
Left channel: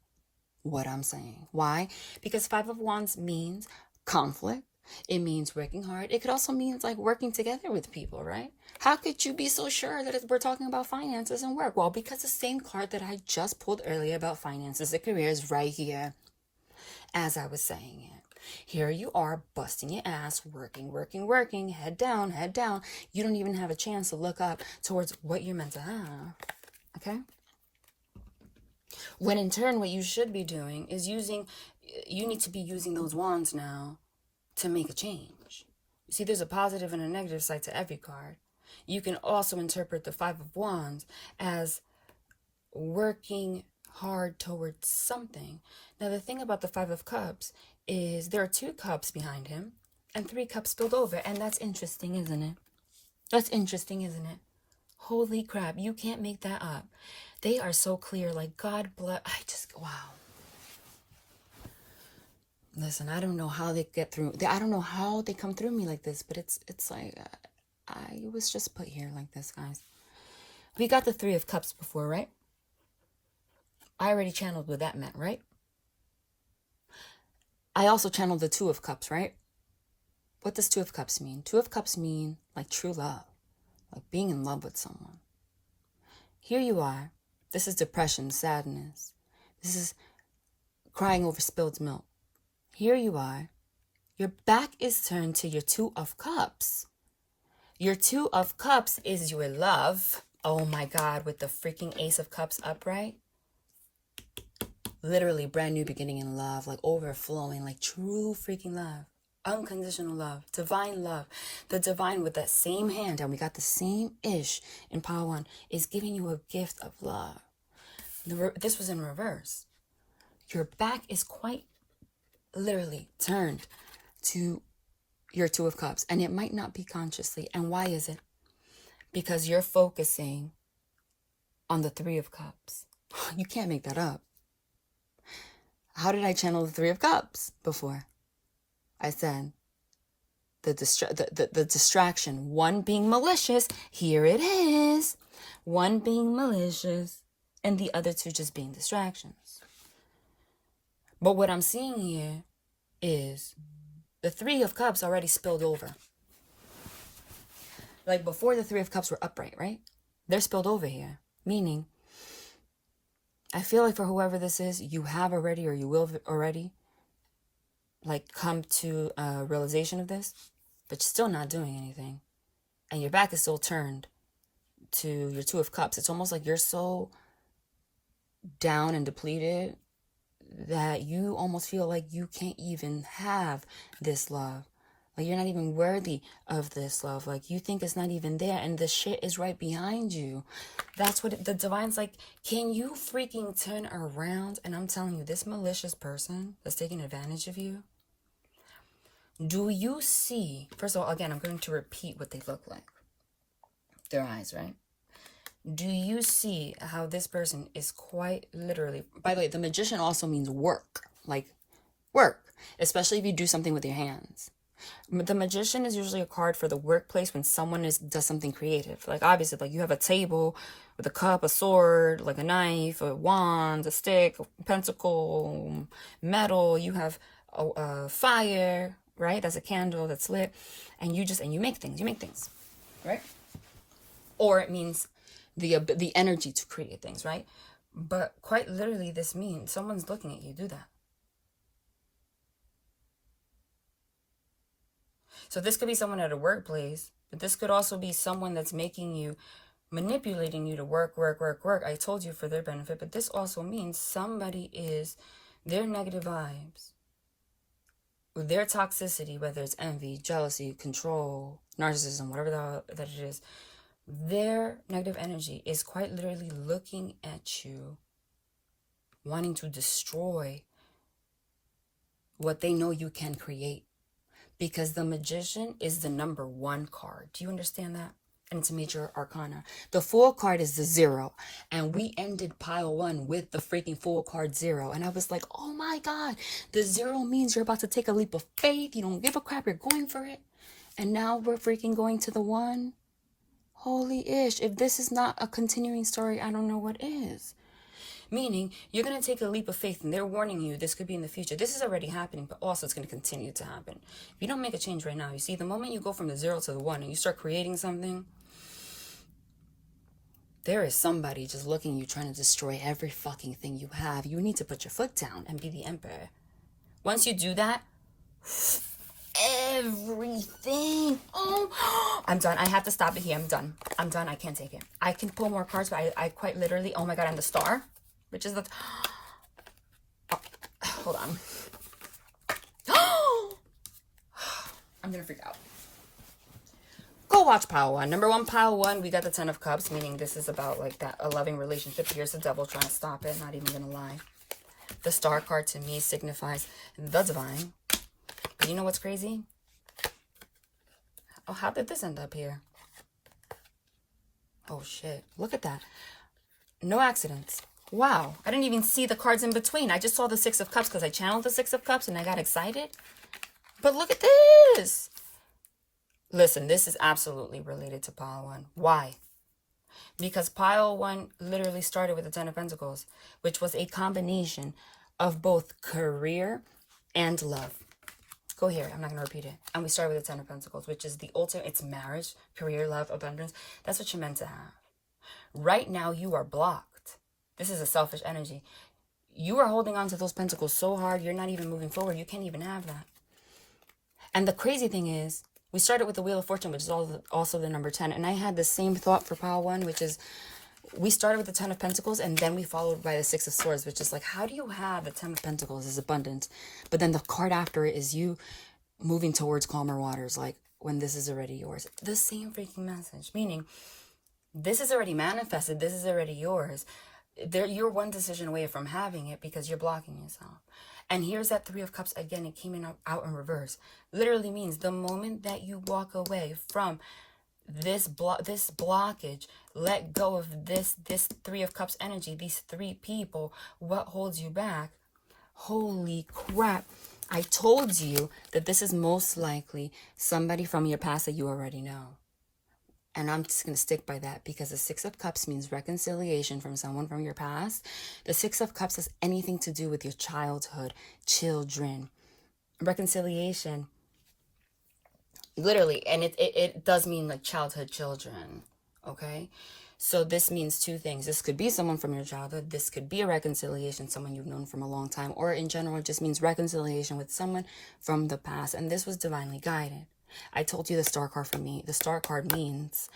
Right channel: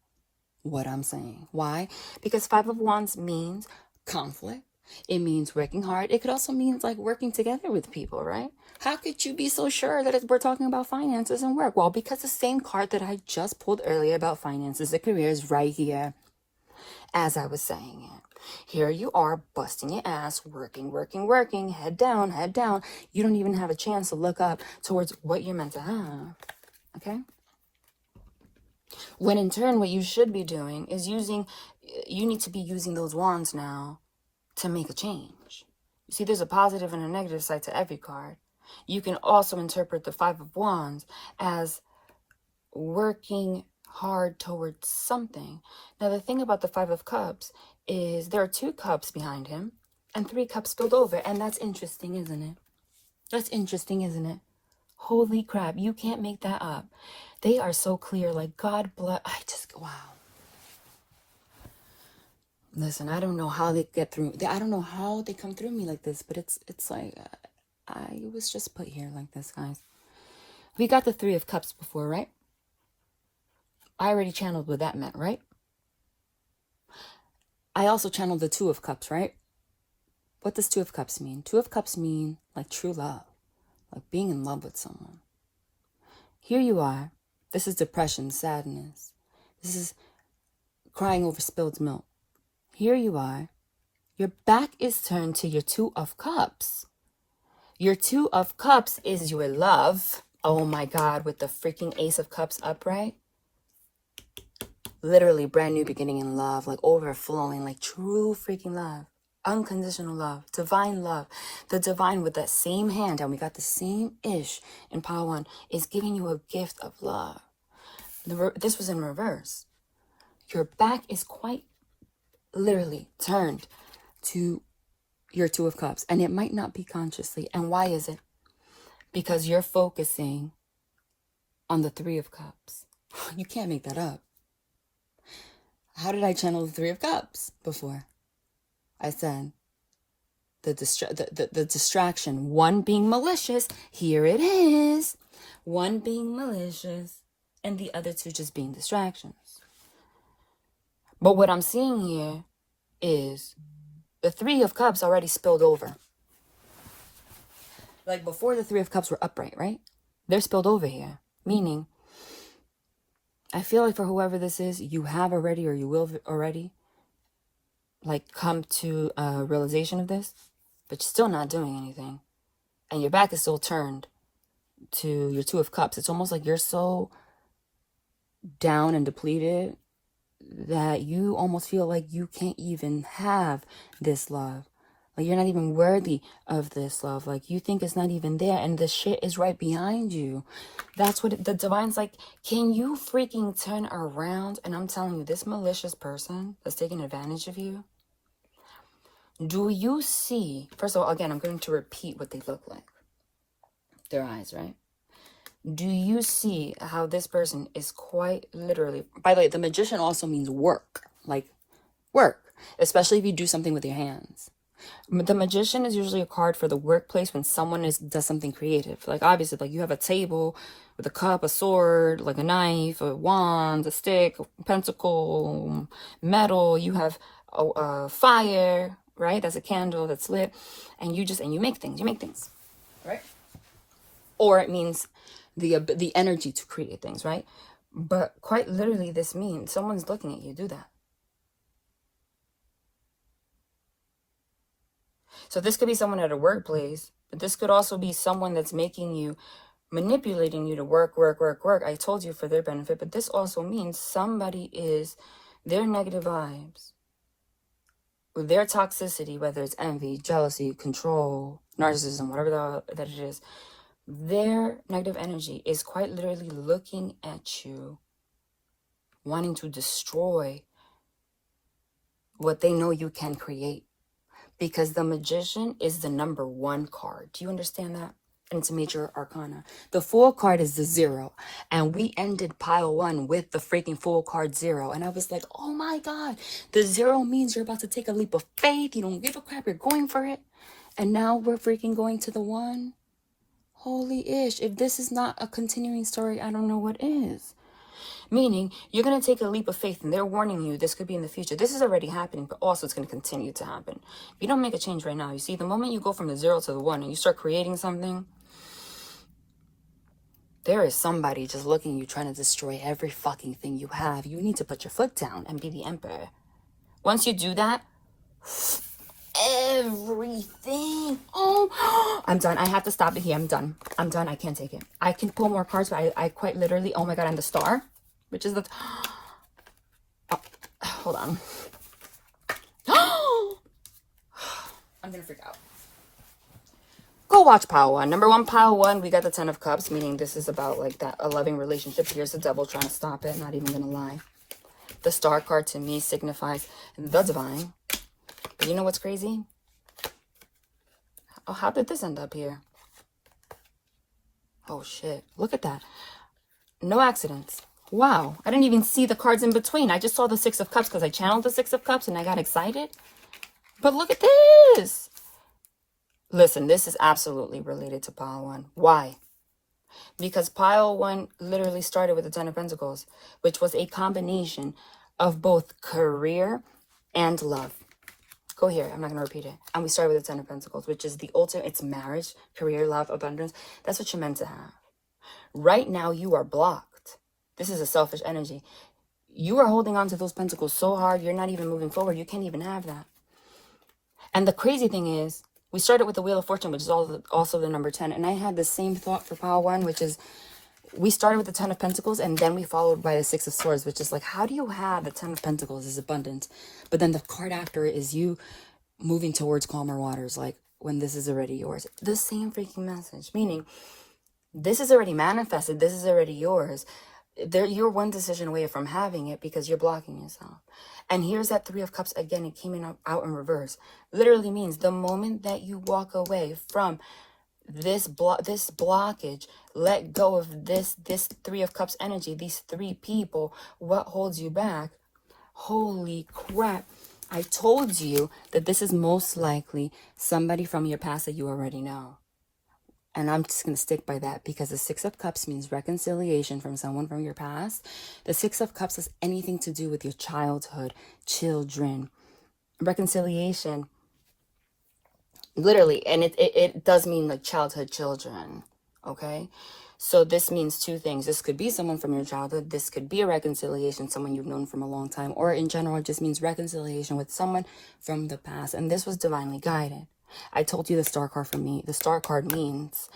what I'm saying. Why? Because Five of Wands means conflict. It means working hard. It could also mean like working together with people, right? How could you be so sure that we're talking about finances and work? Well, because the same card that I just pulled earlier about finances and career is right here as I was saying it. Here you are busting your ass, working, head down. You don't even have a chance to look up towards what you're meant to have. Okay? When in turn, what you should be doing is you need to be using those wands now to make a change. You see, there's a positive and a negative side to every card. You can also interpret the Five of Wands as working hard towards something. Now, the thing about the Five of Cups is there are 2 cups behind him and 3 cups spilled over. And that's interesting, isn't it? That's interesting, isn't it? Holy crap, you can't make that up. They are so clear, like God bless. Wow. Listen, I don't know how they get through. I don't know how they come through me like this, but it's like, I was just put here like this, guys. We got the 3 of Cups before, right? I already channeled what that meant, right? I also channeled the 2 of Cups, right? What does 2 of Cups mean? 2 of Cups mean like true love, like being in love with someone. Here you are. This is depression, sadness. This is crying over spilled milk. Here you are. Your back is turned to your 2 of Cups. Your 2 of Cups is your love. Oh my God, with the freaking Ace of Cups upright. Literally brand new beginning in love, like overflowing, like true freaking love. Unconditional love, divine love. The divine with that same hand, and we got the same ish in pile 1, is giving you a gift of love. This was in reverse. Your back is quite literally turned to your 2 of Cups, and it might not be consciously. And why is it? Because you're focusing on the 3 of Cups. You can't make that up. How did I channel the 3 of Cups before? I said the distraction, 1 being malicious. Here it is. 1 being malicious and the other 2 just being distractions. But what I'm seeing here is the 3 of Cups already spilled over. Like before the 3 of Cups were upright, right? They're spilled over here. Meaning, I feel like for whoever this is, you have already or you will already like come to a realization of this, but you're still not doing anything. And your back is still turned to your 2 of Cups. It's almost like you're so down and depleted that you almost feel like you can't even have this love. Like you're not even worthy of this love. Like you think it's not even there, and the shit is right behind you. That's what the divine's like. Can you freaking turn around? And I'm telling you, this malicious person that's taking advantage of you, do you see? First of all, again, I'm going to repeat what they look like. Their eyes, right? Do you see how this person is quite literally, by the way, the Magician also means work, like work, especially if you do something with your hands. The Magician is usually a card for the workplace when someone does something creative. Like obviously, like you have a table with a cup, a sword, like a knife, a wand, a stick, a pentacle, metal. You have a fire, right? That's a candle that's lit, and you make things, right? Or it means the energy to create things, right? But quite literally, this means someone's looking at you do that. So this could be someone at a workplace, but this could also be someone that's manipulating you to work. I told you for their benefit, but this also means somebody is their negative vibes, with their toxicity, whether it's envy, jealousy, control, narcissism, whatever that it is. Their negative energy is quite literally looking at you, wanting to destroy what they know you can create. Because the Magician is the number 1 card. Do you understand that? And it's a major arcana. The Fool card is the 0. And we ended pile 1 with the freaking Fool card 0. And I was like, oh my God. The 0 means you're about to take a leap of faith. You don't give a crap. You're going for it. And now we're freaking going to the 1. Holy ish. If this is not a continuing story, I don't know what is. Meaning, you're going to take a leap of faith, and they're warning you this could be in the future. This is already happening, but also it's going to continue to happen. If you don't make a change right now, you see, the moment you go from the 0 to the 1 and you start creating something, there is somebody just looking at you trying to destroy every fucking thing you have. You need to put your foot down and be the emperor. Once you do that, everything. Oh, I'm done. I have to stop it here. I'm done. I can't take it. I can pull more cards, but I quite literally, oh my God, I'm the star, which is the, oh, hold on. I'm gonna freak out. Go watch pile 1. Number 1, pile 1, we got the 10 of Cups, meaning this is about like that, a loving relationship. Here's the devil trying to stop it, not even gonna lie. The star card to me signifies the divine. But you know what's crazy? Oh, how did this end up here? Oh shit, look at that. No accidents. Wow, I didn't even see the cards in between. I just saw the 6 of Cups because I channeled the 6 of Cups and I got excited. But look at this. Listen, this is absolutely related to pile 1. Why? Because pile 1 literally started with the 10 of Pentacles, which was a combination of both career and love. Go here. I'm not going to repeat it. And we started with the 10 of Pentacles, which is the ultimate. It's marriage, career, love, abundance. That's what you're meant to have. Right now, you are blocked. This is a selfish energy. You are holding on to those pentacles so hard, you're not even moving forward. You can't even have that. And the crazy thing is, we started with the Wheel of Fortune, which is also the number 10. And I had the same thought for pile 1, which is we started with the 10 of Pentacles and then we followed by the 6 of Swords, which is like, how do you have the 10 of Pentacles as abundance? But then the card after it is you moving towards calmer waters, like when this is already yours. The same freaking message, meaning this is already manifested. This is already yours. You're one decision away from having it because you're blocking yourself. And here's that 3 of Cups again. It came out in reverse. Literally means the moment that you walk away from this blockage, let go of this 3 of Cups energy, these 3 people, what holds you back? Holy crap. I told you that this is most likely somebody from your past that you already know. And I'm just going to stick by that because the 6 of Cups means reconciliation from someone from your past. The 6 of Cups has anything to do with your childhood, children, reconciliation. Literally, and it does mean like childhood children, okay? So this means 2 things. This could be someone from your childhood. This could be a reconciliation, someone you've known from a long time. Or in general, it just means reconciliation with someone from the past. And this was divinely guided. I told you the star card for me. The star card means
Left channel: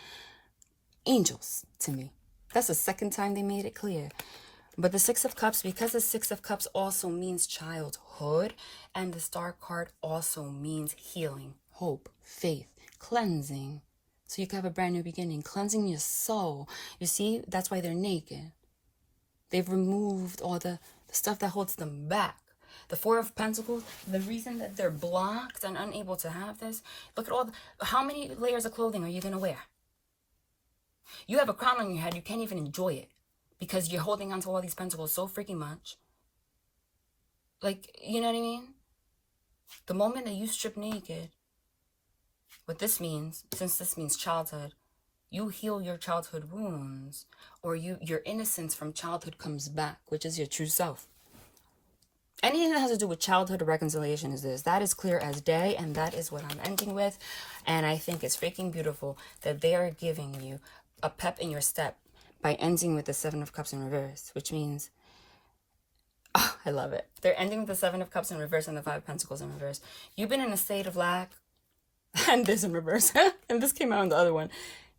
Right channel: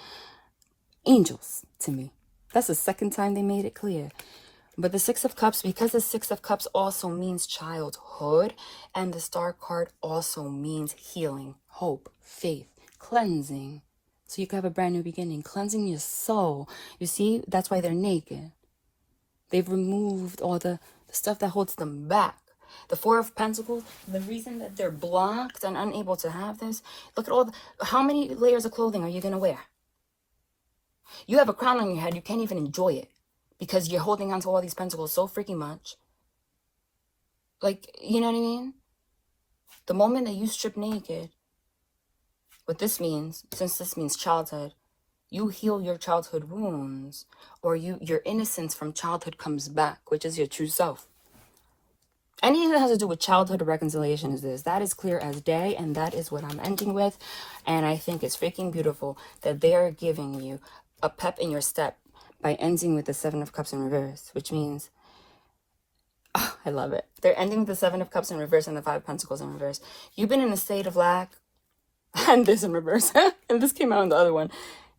angels to me. That's the second time they made it clear. But the 6 of Cups, because the 6 of Cups also means childhood, and the star card also means healing, hope, faith, cleansing. So you can have a brand new beginning, cleansing your soul. You see, that's why they're naked. They've removed all the stuff that holds them back. The 4 of Pentacles, the reason that they're blocked and unable to have this, look at how many layers of clothing are you going to wear? You have a crown on your head, you can't even enjoy it because you're holding on to all these pentacles so freaking much. Like, you know what I mean? The moment that you strip naked, what this means, since this means childhood, you heal your childhood wounds, or your innocence from childhood comes back, which is your true self. Anything that has to do with childhood or reconciliation is this. That is clear as day, and that is what I'm ending with. And I think it's freaking beautiful that they are giving you a pep in your step by ending with the 7 of Cups in reverse, which means, oh, I love it. They're ending with the 7 of Cups in reverse and the 5 of Pentacles in reverse. You've been in a state of lack, and this in reverse, and this came out in the other one.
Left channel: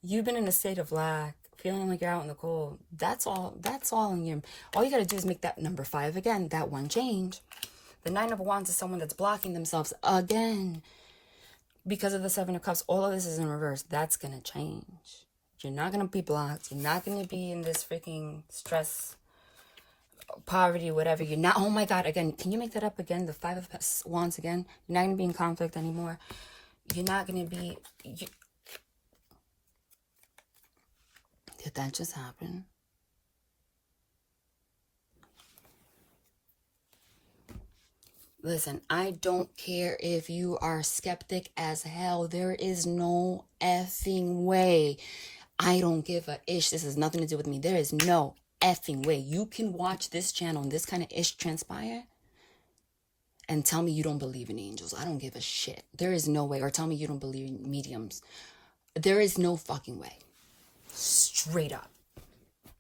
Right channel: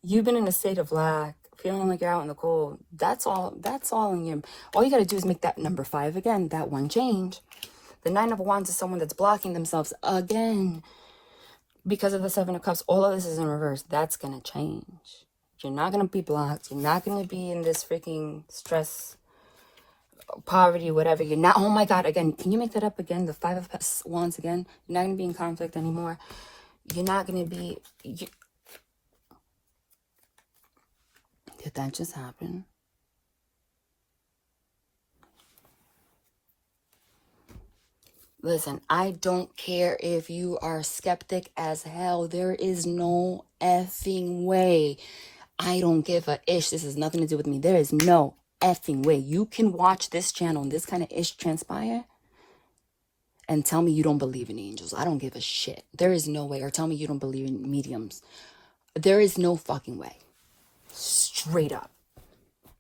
You've been in a state of lack, feeling like you're out in the cold. That's all in you. All you got to do is make that number 5 again, that one change. The 9 of Wands is someone that's blocking themselves again because of the 7 of Cups. All of this is in reverse. That's going to change. You're not going to be blocked. You're not going to be in this freaking stress, poverty, whatever. You're not, oh my God, again, can you make that up again? The 5 of Wands again. You're not going to be in conflict anymore. You're not going to be... Did that just happen? Listen, I don't care if you are skeptic as hell. There is no effing way. I don't give a ish. This has nothing to do with me. There is no effing way you can watch this channel and this kind of ish transpire and tell me you don't believe in angels. I don't give a shit. There is no way. Or tell me you don't believe in mediums. There is no fucking way. Straight up.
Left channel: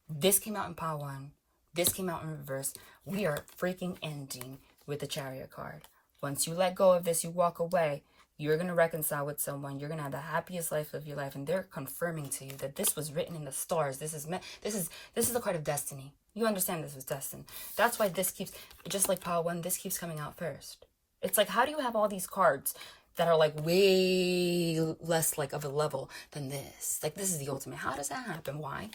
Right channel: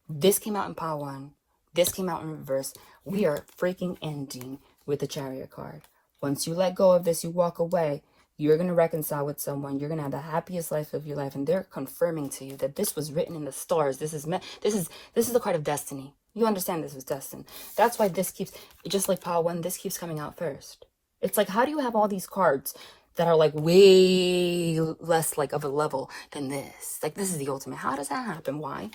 This came out in Power 1. This came out in reverse. We are freaking ending with the Chariot card. Once you let go of this, you walk away. You're going to reconcile with someone. You're going to have the happiest life of your life. And they're confirming to you that this was written in the stars. This is the card of destiny. You understand this was destined. That's why this keeps, just like Power 1, this keeps coming out first. It's like, how do you have all these cards that are like way less like of a level than this? Like, this is the ultimate. How does that happen? Why?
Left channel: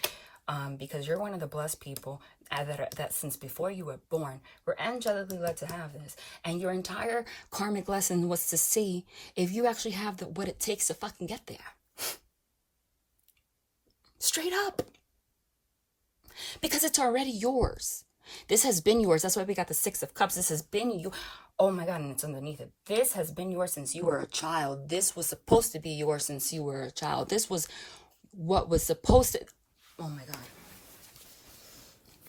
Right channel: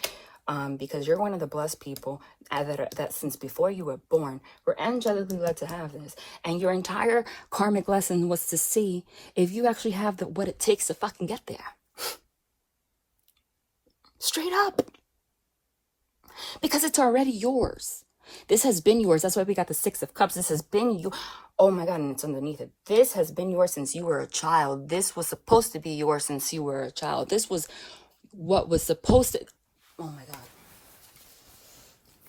Because you're one of the blessed people that since before you were born, were angelically led to have this. And your entire karmic lesson was to see if you actually have what it takes to fucking get there. Straight up. Because it's already yours. This has been yours. That's why we got the 6 of Cups. This has been you. Oh my God, and it's underneath it. This has been yours since you were a child. This was supposed to be yours since you were a child. This was what was supposed to... Oh my God.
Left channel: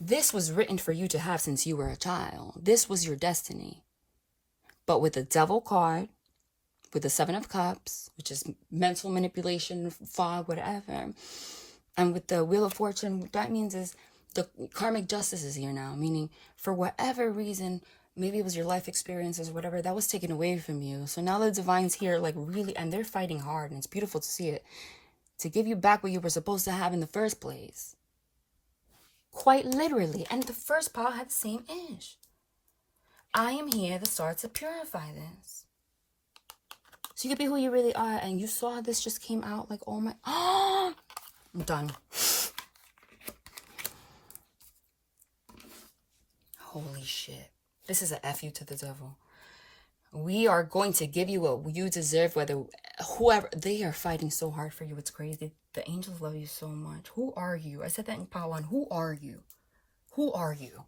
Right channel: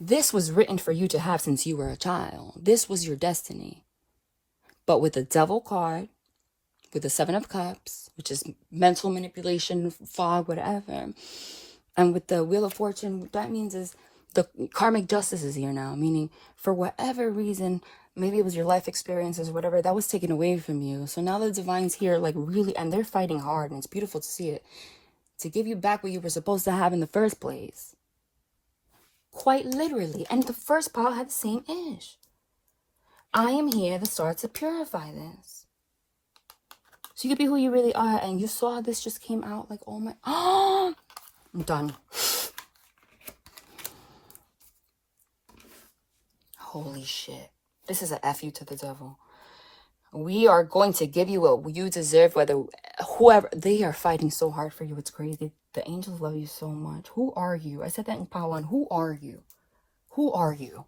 This was written for you to have since you were a child. This was your destiny. But with the Devil card, with the 7 of Cups, which is mental manipulation, fog, whatever, and with the Wheel of Fortune, what that means is the karmic justice is here now, meaning for whatever reason, maybe it was your life experiences or whatever, that was taken away from you. So now the divine's here, like really, and they're fighting hard, and it's beautiful to see it, to give you back what you were supposed to have in the first place. Quite literally. And the first part had the same ish. I am here to start to purify this. So you can be who you really are. And you saw this just came out like, oh my, oh, I'm done. Holy shit. This is a F you to the devil. We are going to give you what you deserve, whether whoever, they are fighting so hard for you. It's crazy. The angels love you so much. Who are you? I said that in Power 1. Who are you? Who are you?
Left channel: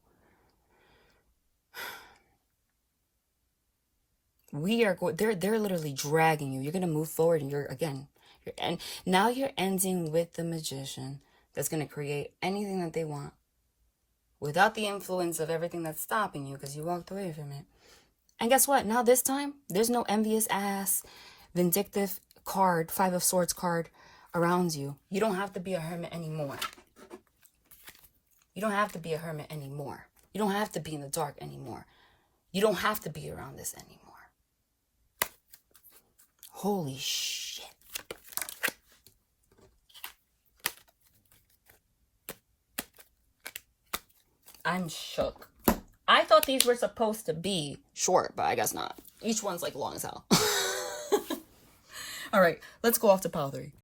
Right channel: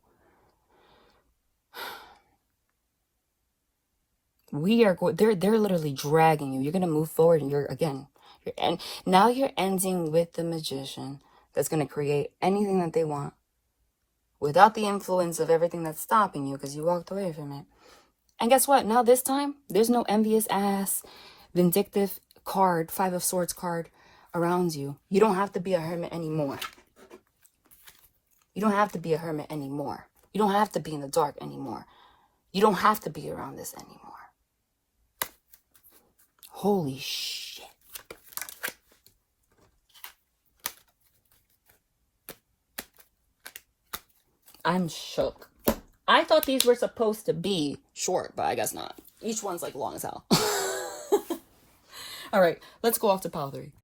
We are going, they're literally dragging you. You're going to move forward and and now you're ending with the Magician that's going to create anything that they want without the influence of everything that's stopping you because you walked away from it. And guess what? Now this time, there's no envious ass, vindictive card, 5 of Swords card around you. You don't have to be a hermit anymore. You don't have to be a hermit anymore. You don't have to be in the dark anymore. You don't have to be around this anymore. Holy shit. I'm shook. I thought these were supposed to be short, but I guess not. Each one's like long as hell. All right, let's go off to Power 3.